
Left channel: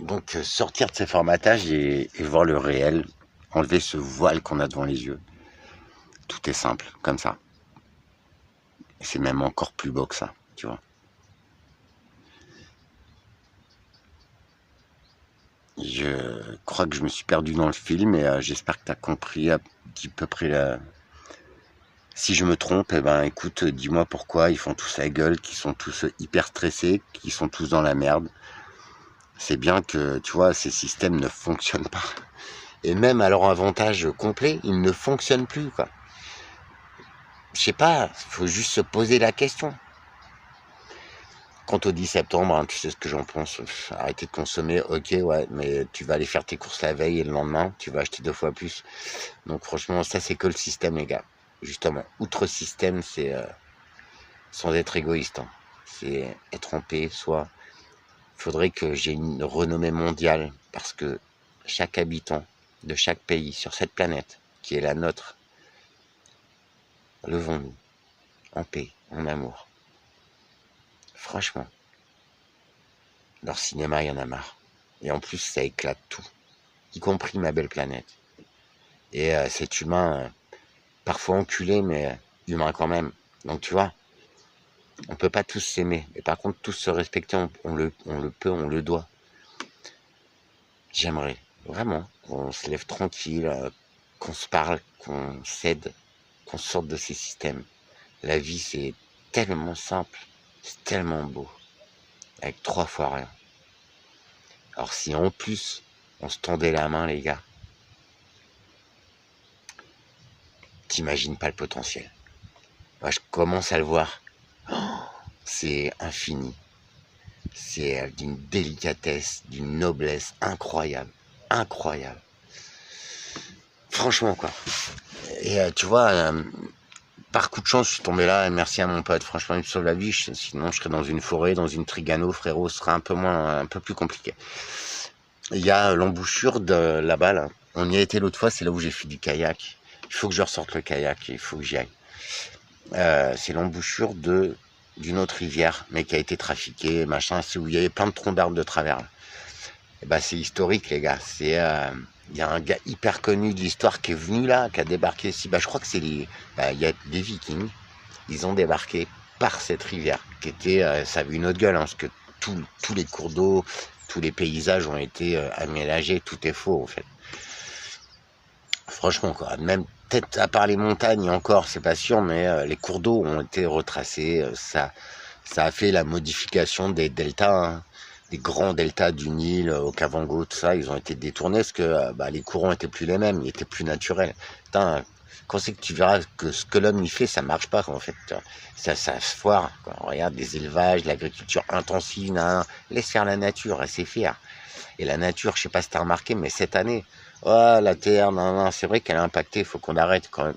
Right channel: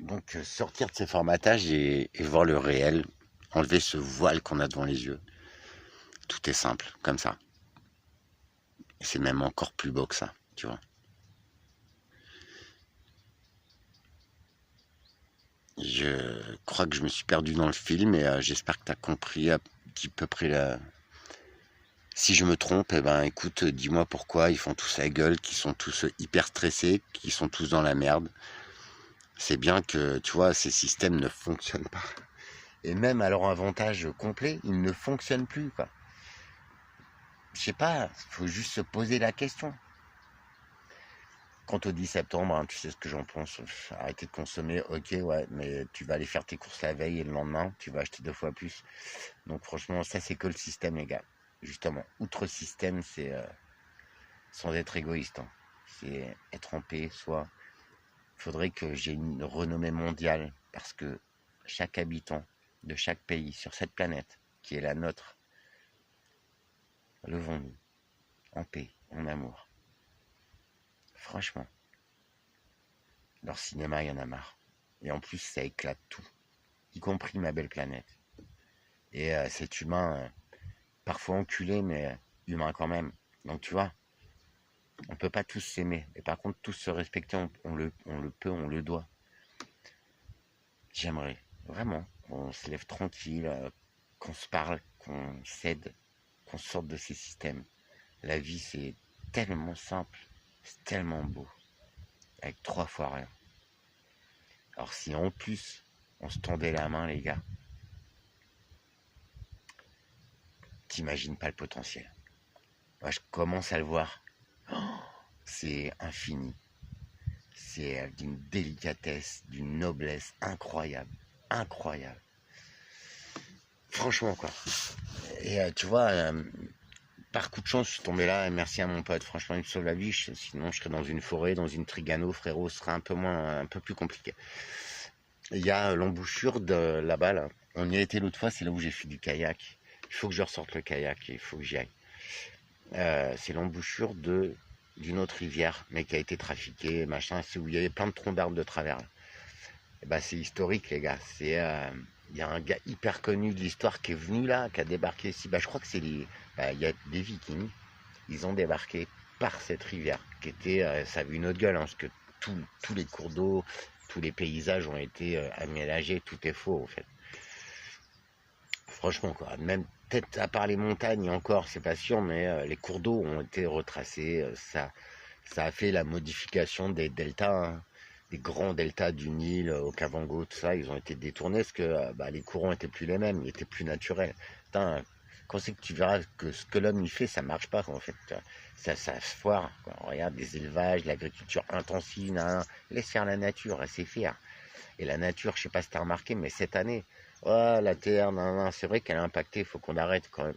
donc sortir de ces formatages et voir le réel, enlever ce voile qu'on a devant les yeux. Tout est simple, comme ça. Et c'est même encore plus beau que ça, tu vois. Je crois que je me suis perdu dans le film et j'espère que tu as compris à petit peu près la... Si je me trompe, eh ben écoute, dis-moi pourquoi ils font tous la gueule, qu'ils sont tous hyper stressés, qu'ils sont tous dans la merde. C'est bien que, tu vois, ces systèmes ne fonctionnent pas. Et même à leur avantage complet, ils ne fonctionnent plus, quoi. Je sais pas, faut juste se poser la question. Quant au 10 septembre, hein, tu sais ce que j'en pense. Arrêter de consommer, ok, ouais, mais tu vas aller faire tes courses la veille et le lendemain, tu vas acheter 2 fois plus. Donc franchement, ça c'est que le système, les gars. Justement, outre système, c'est sans être égoïste, hein, c'est être en paix, soit. Il faudrait que j'ai une renommée mondiale parce que chaque habitant de chaque pays sur cette planète, qui est la nôtre, levons-nous en paix, en amour. Franchement, leur cinéma, il y en a marre. Et en plus, ça éclate tout, y compris ma belle planète. Et cet humain, parfois enculé, mais humain quand même. Donc tu vois, on peut pas tous s'aimer. Mais par contre, tous se respecter, on le peut, on le doit. J'aimerais vraiment qu'on se lève tranquille, qu'on se parle, qu'on s'aide, qu'on sorte de ces systèmes. La vie, c'est tellement simple, c'est tellement beau, avec 3 fois rien. Alors si en plus, on se tendait la main, les gars, t'imagines pas le potentiel. Moi, je commence à le voir. Oh, c'est infini. C'est d'une délicatesse, d'une noblesse incroyable. Incroyable. Franchement, quoi. Et tu vois, par coup de chance, je suis tombé là, et merci à mon pote. Franchement, il me sauve la vie. Sinon, je serais dans une forêt, dans une Trigano, frérot. Ce serait un peu plus compliqué. Il y a l'embouchure de là-bas, là. On y a été l'autre fois, c'est là où j'ai fait du kayak. Il faut que je ressorte le kayak, il faut que j'y aille. C'est l'embouchure d'une autre rivière, mais qui a été trafiquée, machin. C'est où il y avait plein de troncs d'arbres de travers. Et bah, c'est historique, les gars. Il y a un gars hyper connu de l'histoire qui est venu là, qui a débarqué ici. Bah, je crois que c'est il y a des Vikings. Ils ont débarqué par cette rivière, qui était, ça avait une autre gueule, hein, parce que tous les cours d'eau, tous les paysages ont été aménagés, tout est faux en fait. Franchement, quoi. Même peut-être à part les montagnes encore, c'est pas sûr, mais les cours d'eau ont été retracés. Ça a fait la modification des deltas, hein, des grands deltas du Nil, au Kavango, tout ça. Ils ont été détournés parce que les courants étaient plus les mêmes, ils étaient plus naturels. Putain, quand c'est que tu verras que ce que l'homme y fait, ça marche pas, quoi, en fait. Ça se foire, quoi. Regarde, des élevages, l'agriculture intensive, nan, laisse faire la nature, elle sait faire. Et la nature, je sais pas si t'as remarqué, mais cette année, oh, la Terre, nan, c'est vrai qu'elle a impacté, il faut qu'on arrête quand même.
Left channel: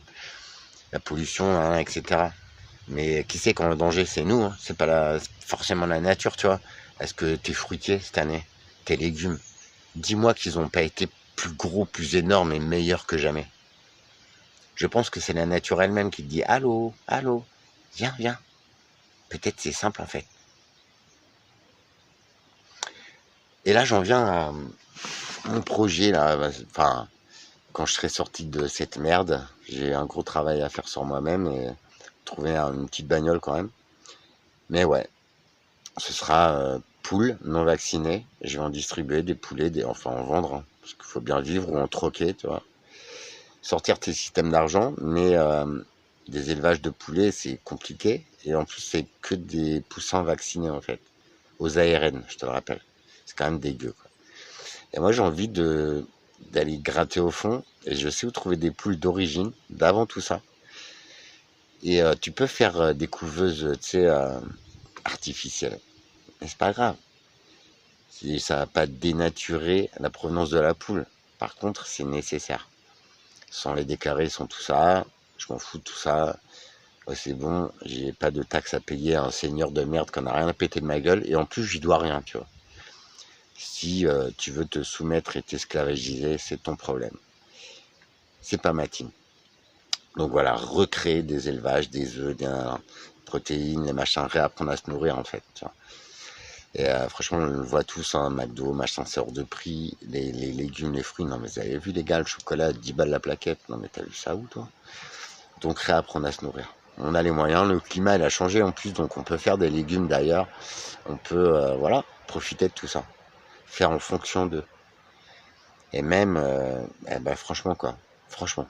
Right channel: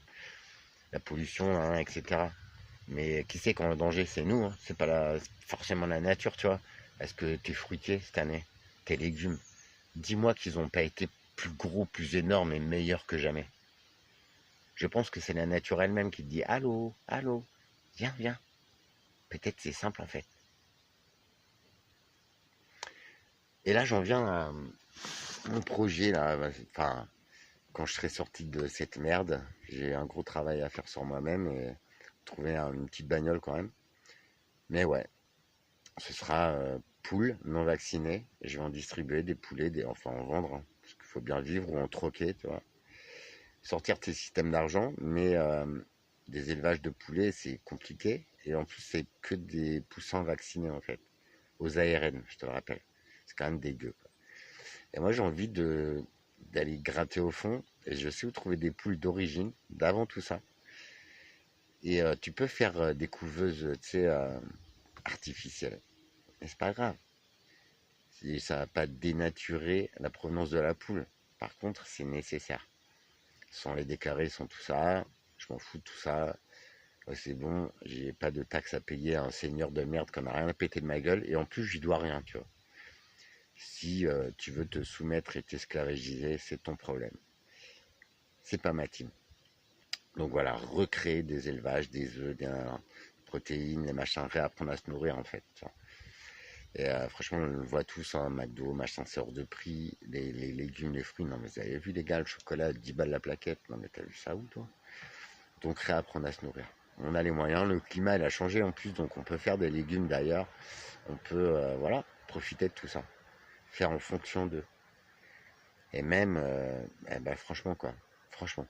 La pollution, nan, etc. Mais qui sait quand le danger, c'est nous, hein. C'est pas forcément la nature, tu vois. Est-ce que tes fruitiers cette année, tes légumes, dis-moi qu'ils n'ont pas été plus gros, plus énormes et meilleurs que jamais. Je pense que c'est la nature elle-même qui te dit allô, allô, viens, viens. Peut-être c'est simple en fait. Et là, j'en viens à mon projet là. Enfin, quand je serai sorti de cette merde, j'ai un gros travail à faire sur moi-même et trouver une petite bagnole quand même. Mais ouais, ce sera poules non vaccinées. Je vais en distribuer des poulets, enfin en vendre, hein, parce qu'il faut bien vivre ou en troquer, tu vois. Sortir tes systèmes d'argent, mais des élevages de poulets, c'est compliqué. Et en plus, c'est que des poussins vaccinés, en fait. Aux ARN, je te le rappelle. C'est quand même dégueu, quoi. Et moi, j'ai envie d'aller gratter au fond. Et je sais où trouver des poules d'origine, d'avant tout ça. Et tu peux faire des couveuses, tu sais, artificielles. Mais c'est pas grave. Ça va pas dénaturer la provenance de la poule. Par contre, c'est nécessaire. Sans les déclarer, sans tout ça, je m'en fous de tout ça. Ouais, c'est bon, j'ai pas de taxes à payer à un seigneur de merde qui en a rien à péter de ma gueule. Et en plus, j'y dois rien, tu vois. Si tu veux te soumettre et t'esclavagiser, c'est ton problème. C'est pas ma team. Donc voilà, recréer des élevages, des œufs, des protéines, les machins, réapprendre à se nourrir en fait. Tu vois. Et franchement, on le voit tous, hein, McDo, machin, c'est hors de prix, les légumes, les fruits. Non mais vous avez vu les gars, le chocolat, 10 balles la plaquette. Non mais t'as vu ça où toi? Donc réapprendre à se nourrir. On a les moyens, le climat il a changé en plus, donc on peut faire des légumes d'ailleurs. On peut voilà, profiter de tout ça. Faire en fonction d'eux. Et même, eh ben, franchement quoi, franchement,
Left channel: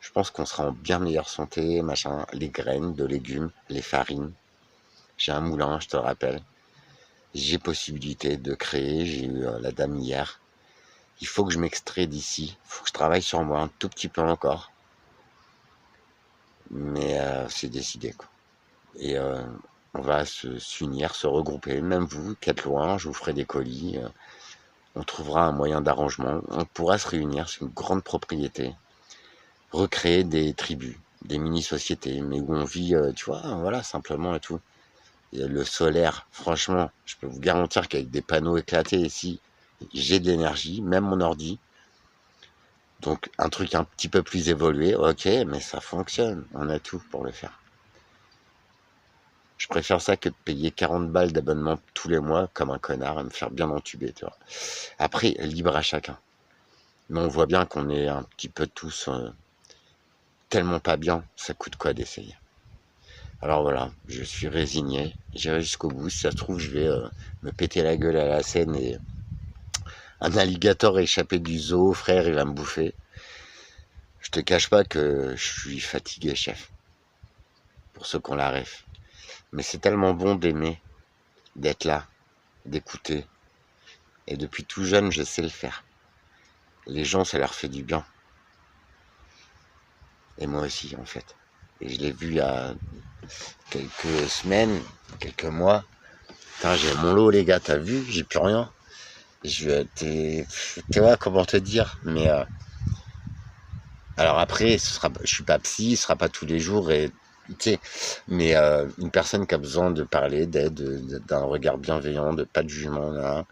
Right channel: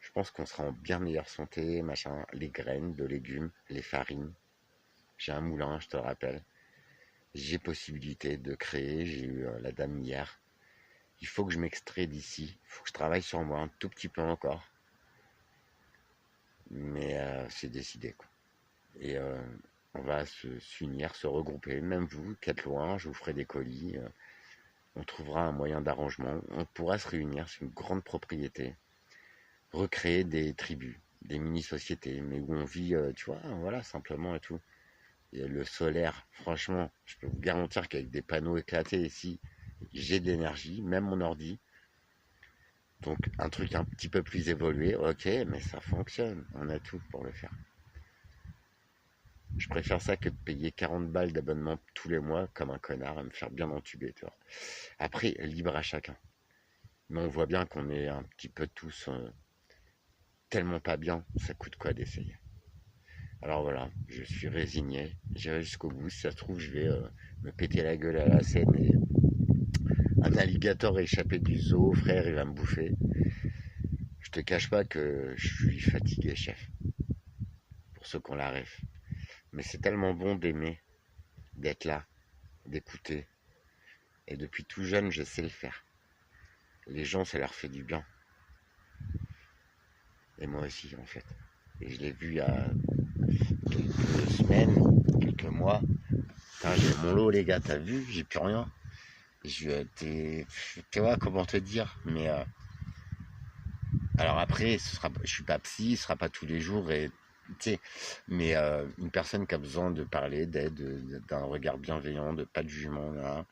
je pense qu'on sera en bien meilleure santé, machin, les graines de légumes, les farines. J'ai un moulin, je te le rappelle. J'ai possibilité de créer, j'ai eu la dame hier. Il faut que je m'extrais d'ici, il faut que je travaille sur moi un tout petit peu encore. Mais c'est décidé quoi. Et on va s'unir, se regrouper, même vous qui êtes loin, je vous ferai des colis. On trouvera un moyen d'arrangement, on pourra se réunir sur une grande propriété, recréer des tribus, des mini-sociétés, mais où on vit, tu vois, voilà, simplement et tout. Et le solaire, franchement, je peux vous garantir qu'avec des panneaux éclatés ici, j'ai de l'énergie, même mon ordi. Donc un truc un petit peu plus évolué, ok, mais ça fonctionne, on a tout pour le faire. Je préfère ça que de payer 40 balles d'abonnement tous les mois comme un connard et me faire bien entuber, tu vois. Après, libre à chacun. Mais on voit bien qu'on est un petit peu tous tellement pas bien, ça coûte quoi d'essayer. Alors voilà, je suis résigné, j'irai jusqu'au bout. Si ça se trouve, je vais me péter la gueule à la scène et un alligator échappé du zoo, frère, il va me bouffer. Je te cache pas que je suis fatigué, chef, pour ceux qu'on la ref. Mais c'est tellement bon d'aimer, d'être là, d'écouter. Et depuis tout jeune, je sais le faire. Les gens, ça leur fait du bien. Et moi aussi, en fait. Et je l'ai vu il y a quelques semaines, quelques mois. Putain, j'ai mon lot, les gars, t'as vu? J'ai plus rien. Tu vois, comment te dire? Mais alors après, je suis pas psy, ce sera pas tous les jours, et tu sais, mais une personne qui a besoin de parler, d'aide, d'un regard bienveillant, de pas de jugement, là,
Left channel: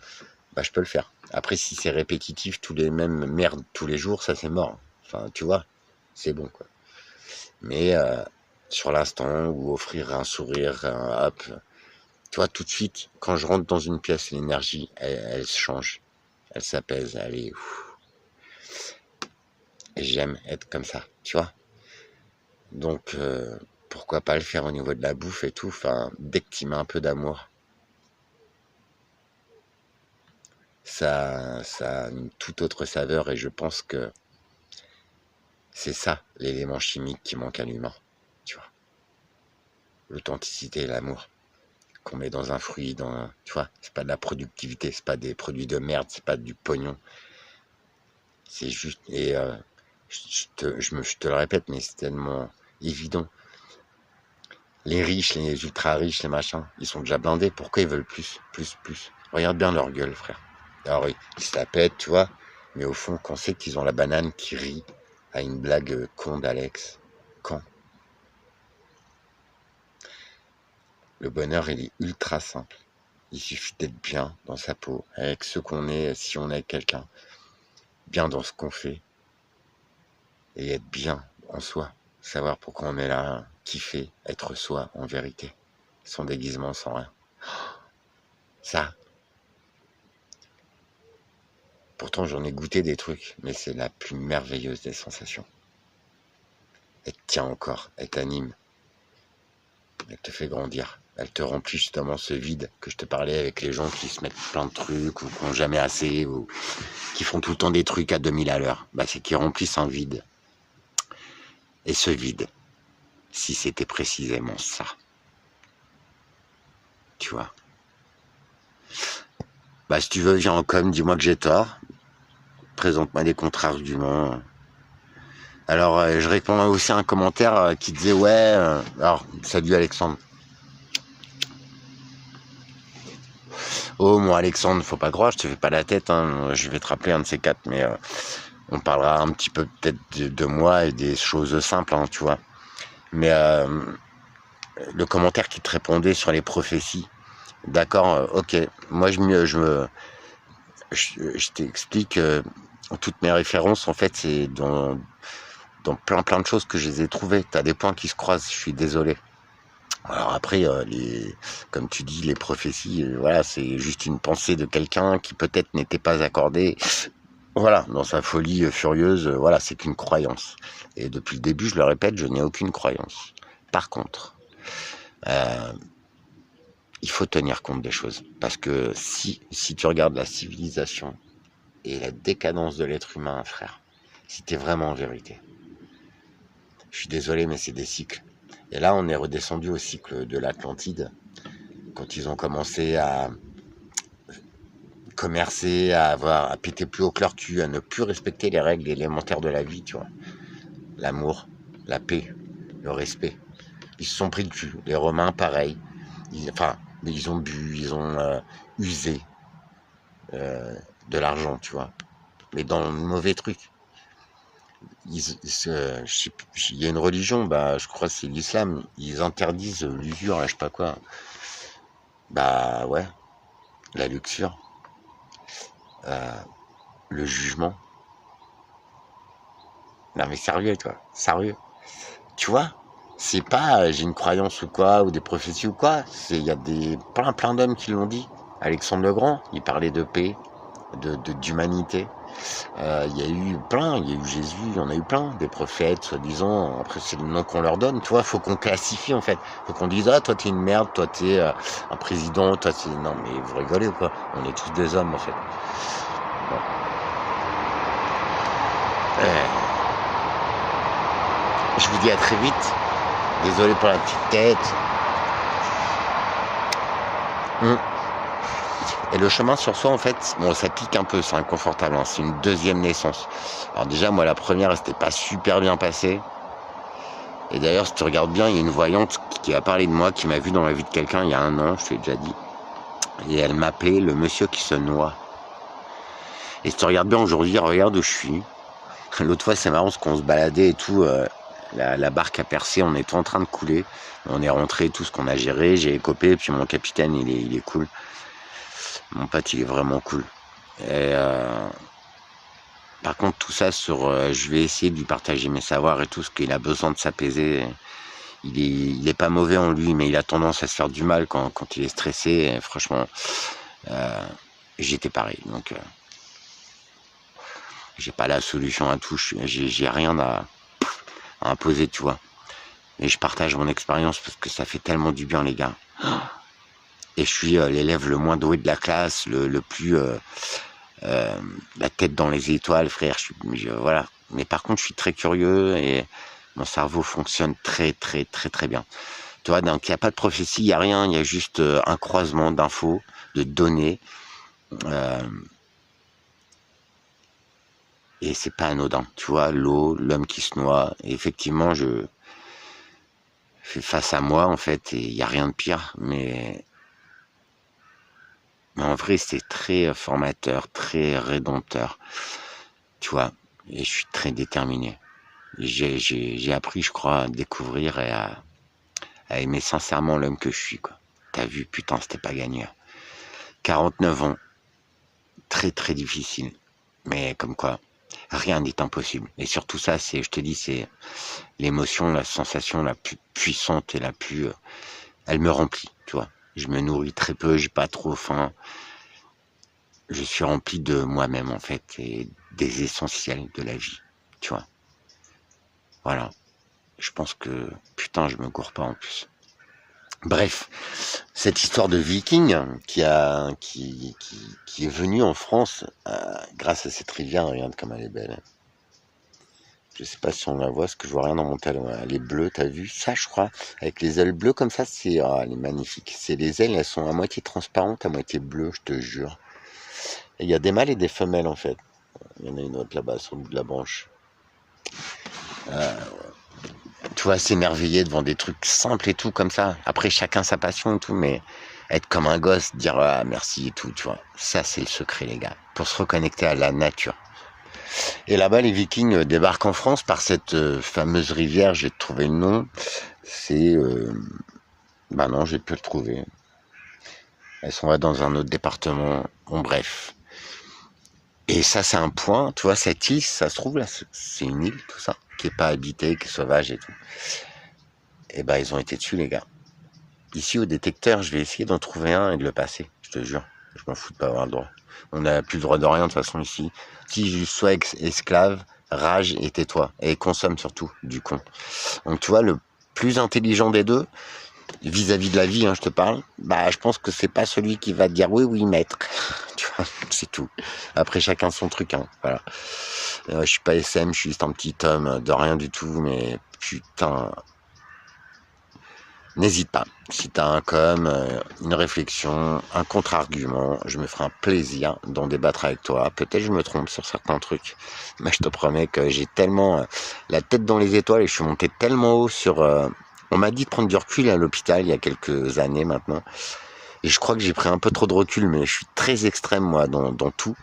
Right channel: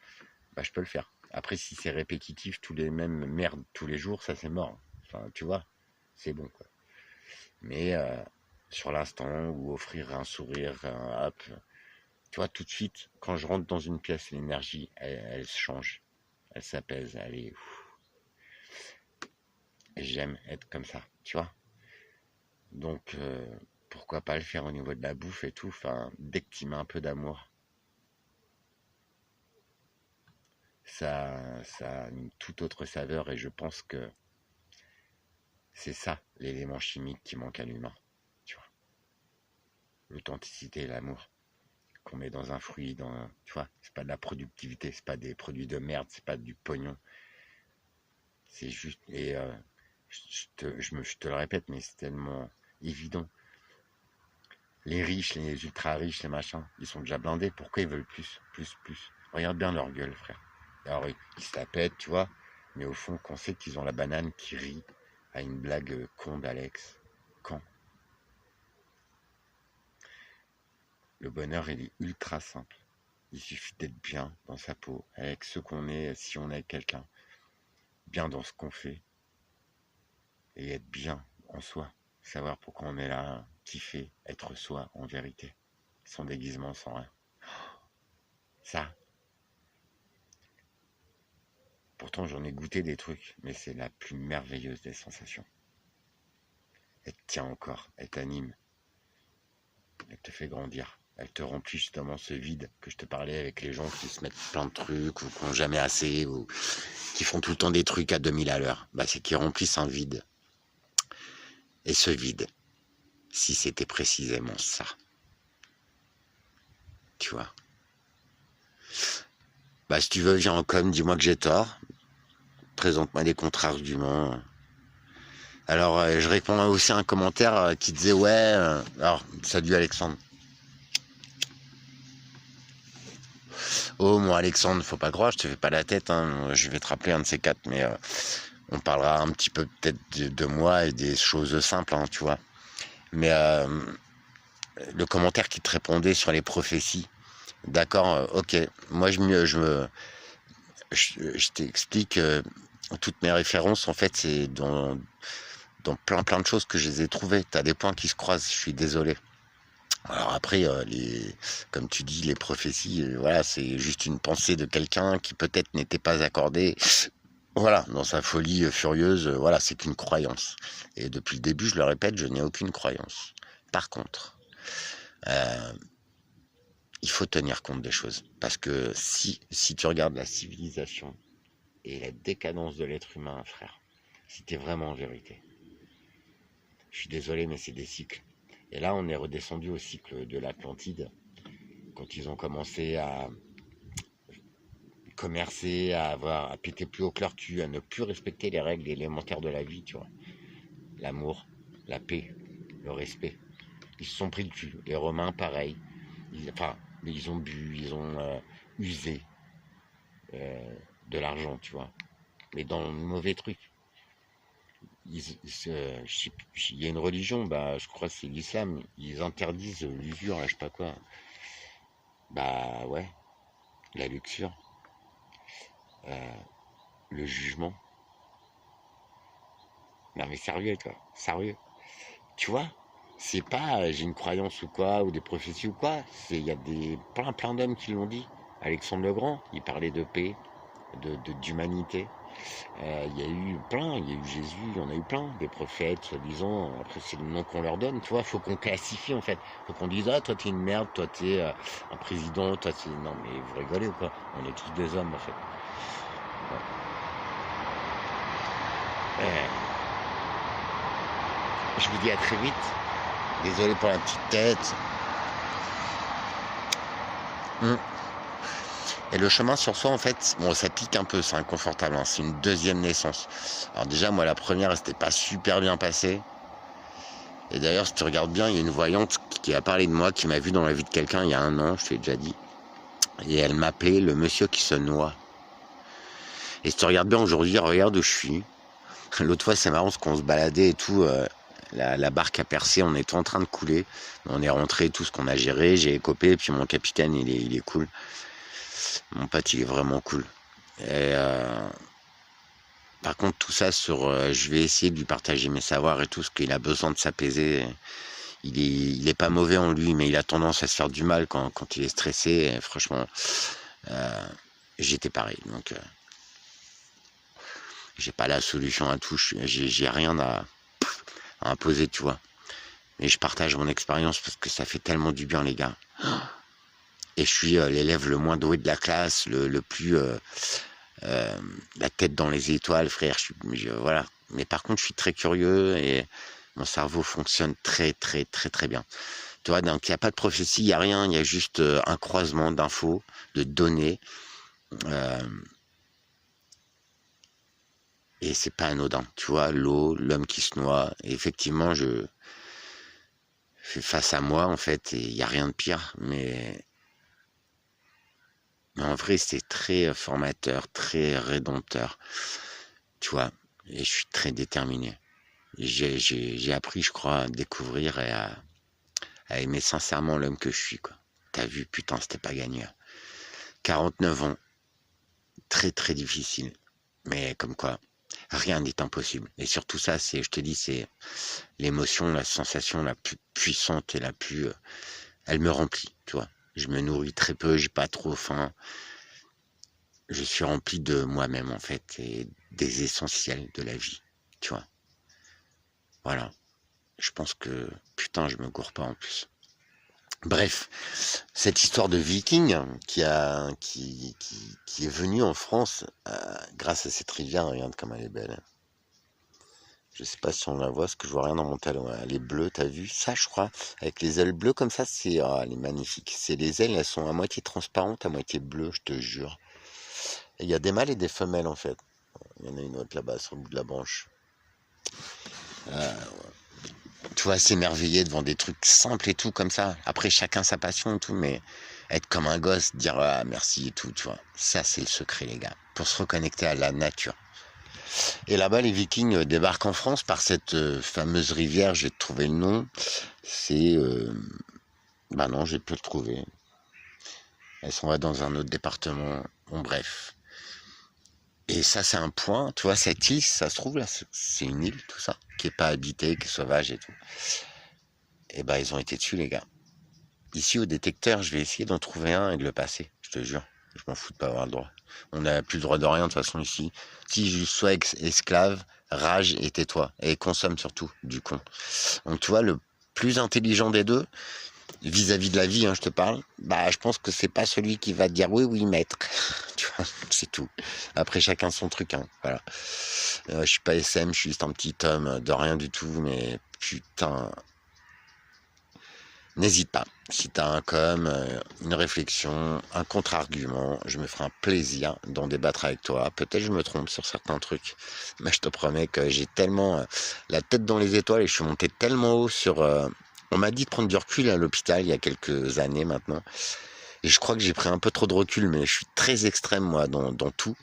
bah je peux le faire. Après, si c'est répétitif, tous les mêmes merdes tous les jours, ça c'est mort. Enfin, tu vois, c'est bon quoi. Mais sur l'instant, ou offrir un sourire, hop, tu vois, tout de suite, quand je rentre dans une pièce, l'énergie, elle change, elle s'apaise, elle est. Et j'aime être comme ça, tu vois. Donc, pourquoi pas le faire au niveau de la bouffe et tout. Enfin, dès que tu mets un peu d'amour, ça a une toute autre saveur. Et je pense que c'est ça, l'élément chimique qui manque à l'humain, tu vois. L'authenticité et l'amour qu'on met dans un fruit, tu vois. C'est pas de la productivité, c'est pas des produits de merde, c'est pas du pognon. C'est juste, et je te le répète, mais c'est tellement évident. Les riches, les ultra riches, les machins, ils sont déjà blindés. Pourquoi ils veulent plus, plus, plus? Regarde bien leur gueule, frère. Alors, ils se la pètent, tu vois. Mais au fond, quand c'est qu'ils ont la banane qui rit à une blague con d'Alex? Quand? Le bonheur, il est ultra simple. Il suffit d'être bien dans sa peau, avec ce qu'on est, si on est quelqu'un, bien dans ce qu'on fait, et être bien en soi. Savoir pourquoi on est là, kiffer, être soi en vérité. Sans déguisement, sans rien. Ça, pourtant j'en ai goûté des trucs, mais c'est la plus merveilleuse des sensations. Elle te tient encore, elle t'anime, elle te fait grandir. Elle te remplit justement ce vide que je te parlais avec les gens qui se mettent plein de trucs ou qui n'ont jamais assez ou qui font tout le temps des trucs à 2000 à l'heure. Bah, c'est qu'ils remplissent un vide. Et ce vide, si c'était précisément ça, tu vois. Bah, si tu veux, viens en com, dis-moi que j'ai tort. Présente-moi des contre-arguments. Alors, je réponds aussi à un commentaire qui disait, ouais, alors, salut Alexandre. Oh, mon Alexandre, faut pas croire, je te fais pas la tête, hein. Je vais te rappeler un de ces quatre, mais on parlera un petit peu peut-être de moi et des choses simples, hein, tu vois. Mais le commentaire qui te répondait sur les prophéties, d'accord, ok, moi je t'explique, toutes mes références, en fait, c'est dans plein de choses que je les ai trouvées. T'as des points qui se croisent, je suis désolé. Alors après, comme tu dis, les prophéties, voilà, c'est juste une pensée de quelqu'un qui peut-être n'était pas accordée. Voilà, dans sa folie furieuse, voilà, c'est qu'une croyance. Et depuis le début, je le répète, je n'ai aucune croyance. Par contre, il faut tenir compte des choses. Parce que si tu regardes la civilisation et la décadence de l'être humain, frère. C'était vraiment en vérité. Je suis désolé, mais c'est des cycles. Et là, on est redescendu au cycle de l'Atlantide, quand ils ont commencé à commercer, à péter plus haut que leur cul, à ne plus respecter les règles élémentaires de la vie, tu vois. L'amour, la paix, le respect. Ils se sont pris le cul. Les Romains, pareil. Ils ont bu, ils ont usé de l'argent, tu vois. Mais dans le mauvais truc. Il y a une religion, je crois que c'est l'islam. Ils interdisent l'usure, je sais pas quoi. Ouais, la luxure, le jugement. Non mais sérieux, toi, sérieux. Tu vois, c'est pas j'ai une croyance ou quoi, ou des prophéties ou quoi. Il y a plein d'hommes qui l'ont dit. Alexandre le Grand, il parlait de paix, d'humanité. Il y a eu Jésus, il y en a eu plein, des prophètes, soi-disant. Après, c'est le nom qu'on leur donne, tu vois. Faut qu'on classifie, en fait. Faut qu'on dise, toi, t'es une merde, toi, t'es un président, toi, t'es... Non, mais vous rigolez ou quoi? On est tous des hommes, en fait. Bon. Je vous dis à très vite. Désolé pour la petite tête. Et le chemin sur soi, en fait, bon, ça pique un peu, c'est inconfortable, hein, c'est une deuxième naissance. Alors déjà, moi, la première, elle s'était pas super bien passée. Et d'ailleurs, si tu regardes bien, il y a une voyante qui a parlé de moi, qui m'a vu dans la vie de quelqu'un il y a 1 an, je t'ai déjà dit. Et elle m'appelait le monsieur qui se noie. Et si tu regardes bien aujourd'hui, regarde où je suis. L'autre fois, c'est marrant, parce qu'on se baladait et tout, la barque a percé, on était en train de couler. On est rentré, tout ce qu'on a géré, j'ai écopé, et puis mon capitaine, il est cool. Mon pote, il est vraiment cool. Et par contre, tout ça je vais essayer de lui partager mes savoirs et tout, ce qu'il a besoin de s'apaiser. Il est pas mauvais en lui, mais il a tendance à se faire du mal quand il est stressé. Et franchement, j'étais pareil. Donc, j'ai pas la solution à tout. J'ai rien à imposer, tu vois. Et je partage mon expérience parce que ça fait tellement du bien, les gars. Et je suis l'élève le moins doué de la classe, le plus la tête dans les étoiles, frère. Voilà. Mais par contre, je suis très curieux et mon cerveau fonctionne très bien. Tu vois, donc il n'y a pas de prophétie, il n'y a rien, il y a juste un croisement d'infos, de données. Et c'est pas anodin. Tu vois, l'eau, l'homme qui se noie. Et effectivement, je suis face à moi, en fait, et il n'y a rien de pire. Mais en vrai, c'est très formateur, très rédempteur. Tu vois, et je suis très déterminé. J'ai appris, je crois, à découvrir et à aimer sincèrement l'homme que je suis, quoi. T'as vu, putain, c'était pas gagné. 49 ans, très difficile. Mais comme quoi, rien n'est impossible. Et surtout ça, je te dis, c'est l'émotion, la sensation la plus puissante et la plus... elle me remplit, tu vois. Je me nourris très peu, j'ai pas trop faim. Je suis rempli de moi-même, en fait, et des essentiels de la vie, tu vois. Voilà. Je pense que, putain, je me gourre pas en plus. Bref, cette histoire de viking qui est venue en France grâce à cette rivière, regarde comme elle est belle. Je sais pas si on la voit, parce que je vois rien dans mon talon. Elle est bleue, t'as vu ça, je crois, avec les ailes bleues comme ça, elle est magnifique. C'est les ailes, elles sont à moitié transparentes, à moitié bleues, je te jure. Et il y a des mâles et des femelles en fait. Il y en a une autre là-bas sur le bout de la branche. Tu vois, s'émerveiller devant des trucs simples et tout comme ça. Après, chacun sa passion et tout, mais être comme un gosse, dire merci et tout, tu vois. Ça, c'est le secret, les gars, pour se reconnecter à la nature. Et là-bas, les Vikings débarquent en France par cette fameuse rivière. J'ai trouvé le nom. C'est... non, j'ai pu le trouver. Elles sont là dans un autre département. Bon, bref. Et ça, c'est un point. Tu vois, cette île, ça se trouve là, c'est une île, tout ça, qui est pas habitée, qui est sauvage et tout. Et ils ont été dessus, les gars. Ici, au détecteur, je vais essayer d'en trouver un et de le passer. Je te jure. Je m'en fous de pas avoir le droit. On n'a plus le droit de rien, de toute façon, ici. Si je sois esclave, rage et tais-toi. Et consomme surtout, du con. Donc, tu vois, le plus intelligent des deux, vis-à-vis de la vie, je te parle, je pense que c'est pas celui qui va te dire oui, maître. Tu vois. C'est tout. Après, chacun son truc, hein. Voilà. Je suis pas SM, je suis juste un petit homme de rien du tout, mais putain, n'hésite pas. Si t'as un une réflexion, un contre-argument, je me ferai un plaisir d'en débattre avec toi. Peut-être je me trompe sur certains trucs, mais je te promets que j'ai tellement la tête dans les étoiles et je suis monté tellement haut sur... on m'a dit de prendre du recul à l'hôpital il y a quelques années maintenant. Et je crois que j'ai pris un peu trop de recul, mais je suis très extrême, moi, dans tout.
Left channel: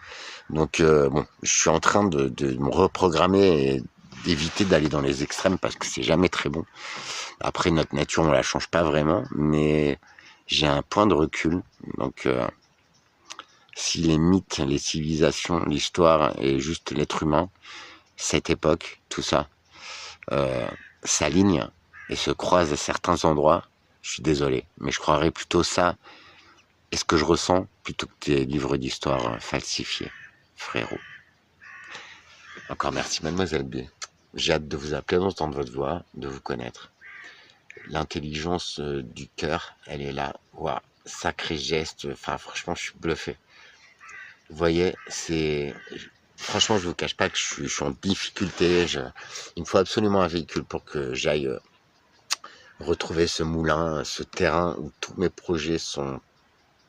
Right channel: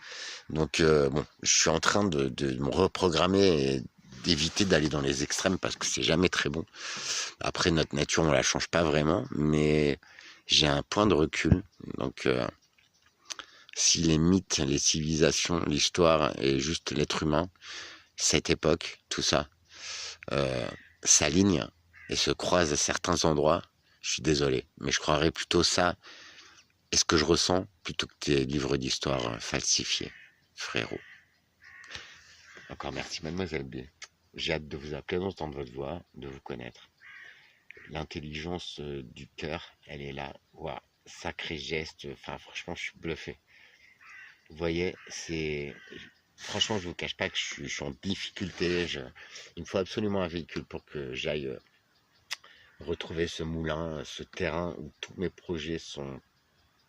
Donc, bon, je suis en train de me reprogrammer et d'éviter d'aller dans les extrêmes parce que c'est jamais très bon. Après, notre nature, on la change pas vraiment, mais j'ai un point de recul. Donc, si les mythes, les civilisations, l'histoire et juste l'être humain, cette époque, tout ça, s'alignent et se croisent à certains endroits, je suis désolé, mais je croirais plutôt ça et ce que je ressens plutôt que tes livres d'histoire falsifiés, frérot. Encore merci, mademoiselle B. J'ai hâte de vous appeler, d'entendre votre voix, de vous connaître. L'intelligence du cœur, elle est là. Waouh, sacré geste. Enfin, franchement, je suis bluffé. Vous voyez, c'est... Franchement, je vous cache pas que je suis en difficulté. Il me faut absolument un véhicule pour que j'aille retrouver ce moulin, ce terrain où tous mes projets sont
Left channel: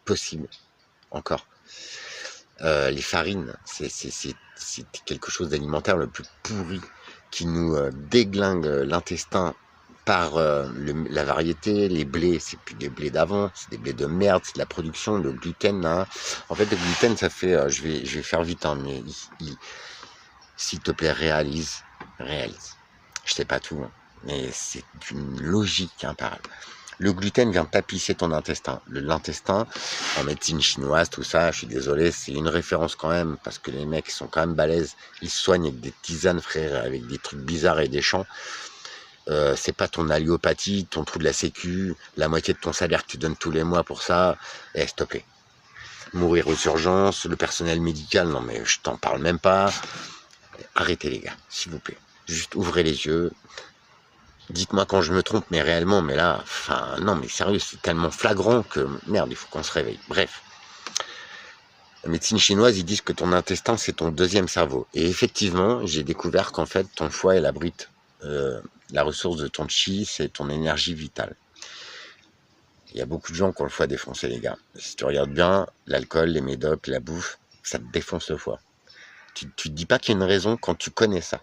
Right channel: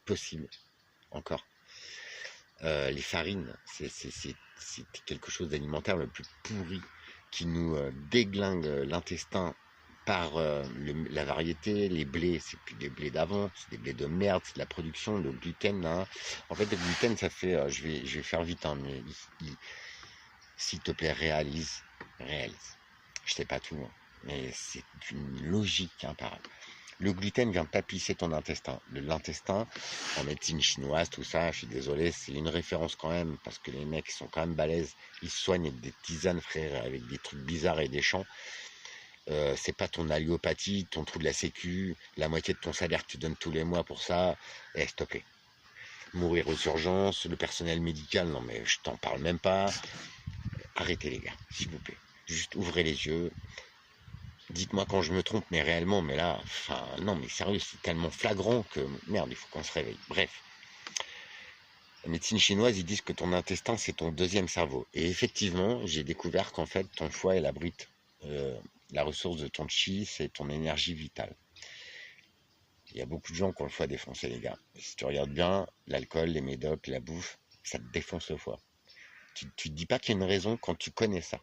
possibles. Encore. Les farines, c'est quelque chose d'alimentaire le plus pourri qui nous déglingue l'intestin par la variété. Les blés, c'est plus des blés d'avant, c'est des blés de merde, c'est de la production. Le gluten, hein. En fait, le gluten, ça fait, je vais faire vite, hein, mais s'il te plaît, réalise. Je sais pas tout, hein, mais c'est une logique imparable. Le gluten vient tapisser ton intestin. L'intestin, en médecine chinoise, tout ça, je suis désolé, c'est une référence quand même, parce que les mecs sont quand même balèzes. Ils se soignent avec des tisanes, frère, avec des trucs bizarres et des chants. C'est pas ton alliopathie, ton trou de la sécu, la moitié de ton salaire que tu donnes tous les mois pour ça. S'il te plaît. Mourir aux urgences, le personnel médical, non mais je t'en parle même pas. Arrêtez les gars, s'il vous plaît. Juste ouvrez les yeux. Dites-moi quand je me trompe, mais réellement, mais là, enfin, non, mais sérieux, c'est tellement flagrant que, merde, il faut qu'on se réveille. Bref. La médecine chinoise, ils disent que ton intestin, c'est ton deuxième cerveau. Et effectivement, j'ai découvert qu'en fait, ton foie, il abrite la ressource de ton chi, c'est ton énergie vitale. Il y a beaucoup de gens qui ont le foie défoncé, les gars. Si tu regardes bien, l'alcool, les médocs, la bouffe, ça te défonce le foie. Tu te dis pas qu'il y a une raison quand tu connais ça.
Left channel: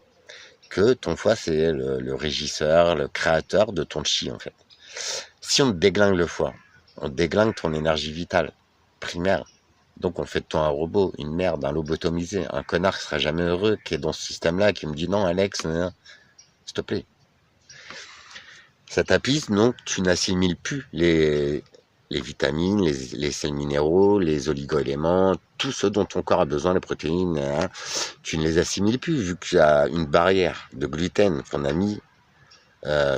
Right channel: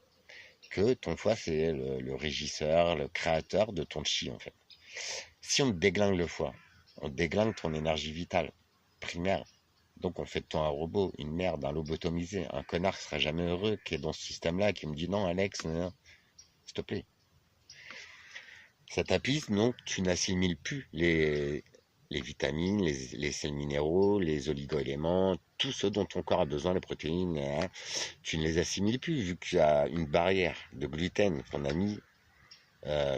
Que ton foie, c'est le régisseur, le créateur de ton chi, en fait. Si on te déglingue le foie, on te déglingue ton énergie vitale, primaire. Donc on fait de toi un robot, une merde, un lobotomisé, un connard qui sera jamais heureux, qui est dans ce système-là, qui me dit non, Alex, s'il te plaît. Ça tapisse, donc tu n'assimiles plus les vitamines, les sels minéraux, les oligo-éléments, tout ce dont ton corps a besoin, les protéines, hein, tu ne les assimiles plus, vu qu'il y a une barrière de gluten qu'on a mis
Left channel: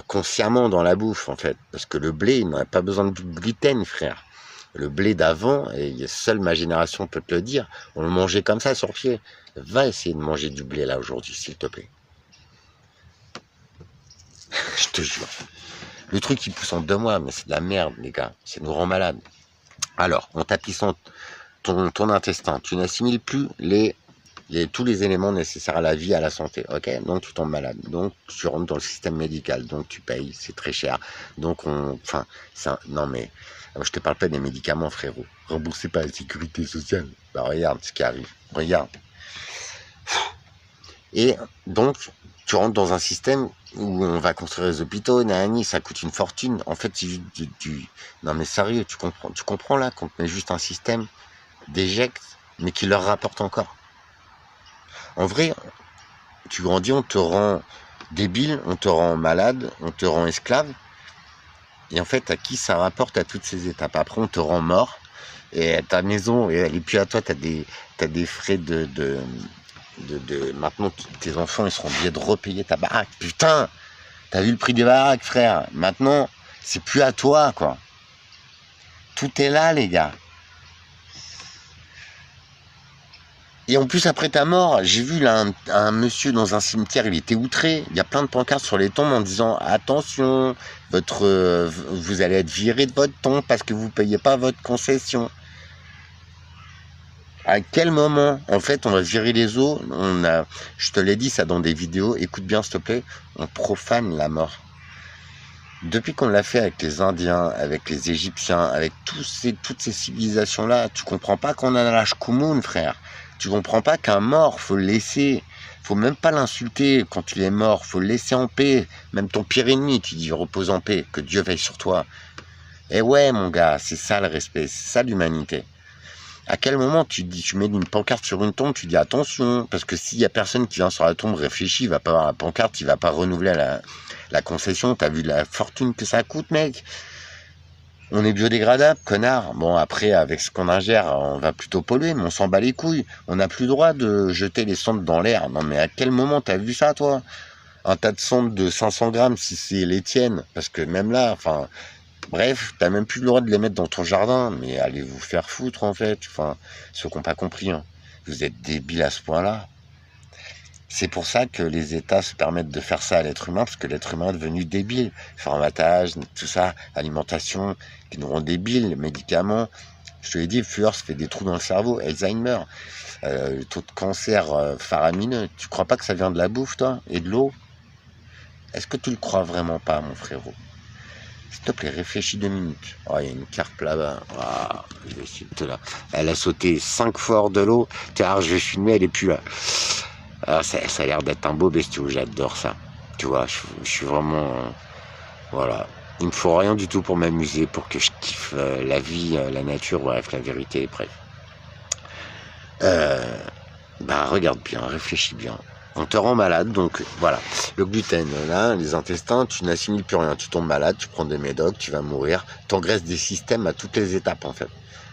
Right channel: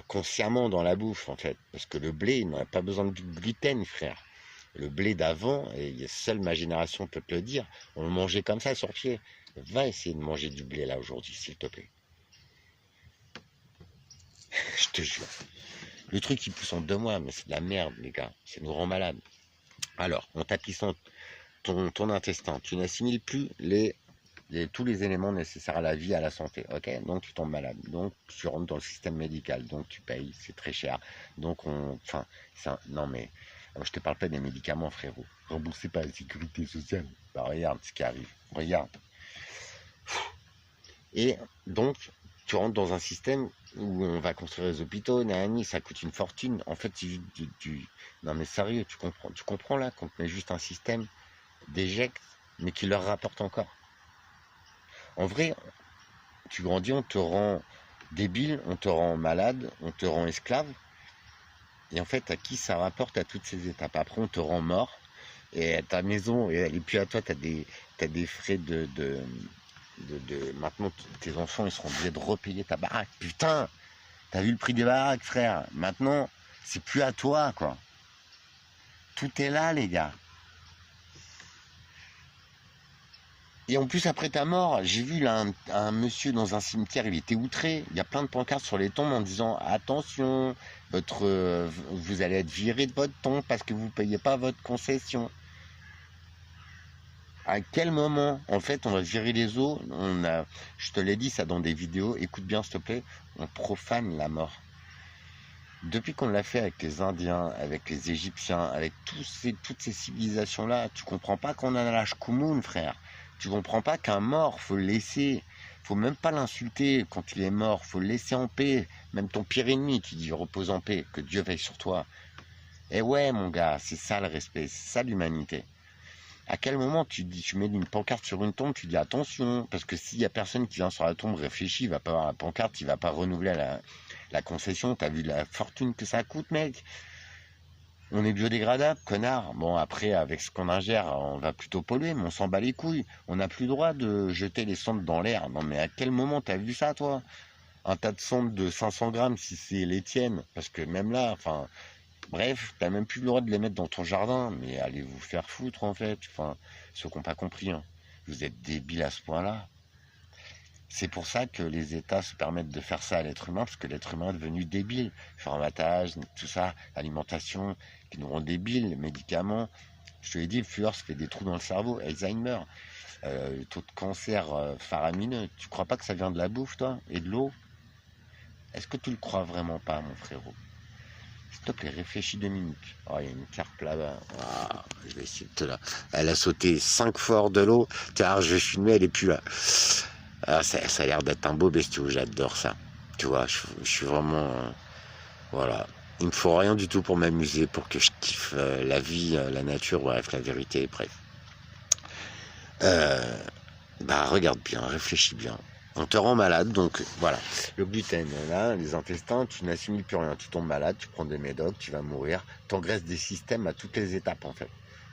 consciemment dans la bouffe, en fait. Parce que le blé, il n'a pas besoin de gluten, frère. Le blé d'avant, et seule ma génération peut te le dire, on le mangeait comme ça, sur pied. Va essayer de manger du blé, là, aujourd'hui, s'il te plaît. Je te jure. Le truc, il pousse en 2 mois, mais c'est de la merde, les gars. Ça nous rend malade. Alors, en tapissant ton intestin, tu n'assimiles plus tous les éléments nécessaires à la vie, à la santé, ok? Donc tu tombes malade, donc tu rentres dans le système médical, donc tu payes, c'est très cher. Donc non mais, je te parle pas des médicaments, frérot. Remboursé par la sécurité sociale. Bah regarde ce qui arrive, regarde. Et donc, tu rentres dans un système où on va construire les hôpitaux, ça coûte une fortune. En fait, c'est juste non mais sérieux, tu comprends là qu'on te met juste un système d'éjecte, mais qui leur rapporte encore. En vrai, tu grandis, on te rend débile, on te rend malade, on te rend esclave. Et en fait, à qui ça rapporte à toutes ces étapes? Après, on te rend mort. Et ta maison, elle est plus à toi, t'as des frais maintenant, tes enfants, ils seront obligés de repayer ta baraque. Putain, t'as vu le prix des baraques, frère? Maintenant, c'est plus à toi, quoi. Tout est là, les gars. Et en plus, après ta mort, j'ai vu là un monsieur dans un cimetière, il était outré. Il y a plein de pancartes sur les tombes en disant « Attention, vous allez être viré de votre tombe parce que vous ne payez pas votre concession. » À quel moment, en fait, on va virer les os, je te l'ai dit ça dans des vidéos, écoute bien s'il te plaît, on profane la mort. Depuis qu'on l'a fait avec les Indiens, avec les Égyptiens, avec toutes ces civilisations-là, tu comprends pas qu'on a l'âge commun, frère. Tu comprends pas qu'un mort, faut le laisser. Faut même pas l'insulter quand il est mort, faut le laisser en paix. Même ton pire ennemi, tu dis repose en paix, que Dieu veille sur toi. Et ouais, mon gars, c'est ça le respect, c'est ça l'humanité. À quel moment tu mets une pancarte sur une tombe, tu dis attention, parce que s'il y a personne qui vient sur la tombe, réfléchit, il va pas voir la pancarte, il va pas renouveler la concession. T'as vu la fortune que ça coûte, mec? On est biodégradable, connard. Bon, après, avec ce qu'on ingère, on va plutôt polluer, mais on s'en bat les couilles. On n'a plus le droit de jeter les sondes dans l'air. Non, mais à quel moment t'as vu ça, toi? Un tas de sondes de 500 grammes, si c'est les tiennes, parce que même là, enfin... Bref, t'as même plus le droit de les mettre dans ton jardin, mais allez vous faire foutre en fait. Enfin, ceux qui n'ont pas compris, hein. Vous êtes débiles à ce point-là. C'est pour ça que les États se permettent de faire ça à l'être humain, parce que l'être humain est devenu débile. Formatage, tout ça, alimentation, qui nous rend débiles, médicaments. Je te l'ai dit, le fluor se fait des trous dans le cerveau, Alzheimer, le taux de cancer faramineux. Tu crois pas que ça vient de la bouffe, toi, et de l'eau? Est-ce que tu le crois vraiment pas, mon frérot? S'il te plaît, réfléchis 2 minutes. Oh, il y a une carpe là-bas. Oh, je vais essayer de te la... Elle a sauté 5 fois hors de l'eau. Car je vais filmer, elle est plus là. Ah, ça a l'air d'être un beau bestiau, j'adore ça. Tu vois, je suis vraiment... voilà. Il me faut rien du tout pour m'amuser, pour que je kiffe la vie, la nature, bref, la vérité, bref. Bah, regarde bien, réfléchis bien. On te rend malade, donc voilà. Le gluten, là, les intestins, tu n'assimiles plus rien. Tu tombes malade, tu prends des médocs, tu vas mourir. T'engraisses des systèmes à toutes les étapes, en fait.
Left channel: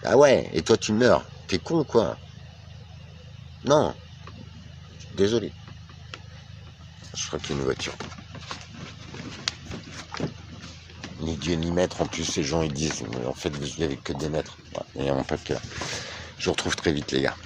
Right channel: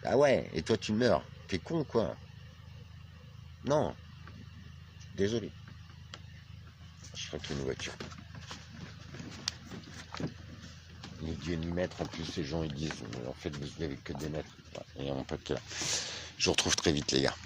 Ah ouais, et toi, tu meurs. T'es con, quoi? Non. Désolé. Je crois qu'il y a une voiture. Ni Dieu ni maître, en plus, ces gens, ils disent, en fait, vous vivez avec que des maîtres. Ouais, et en fait, je vous retrouve très vite, les gars.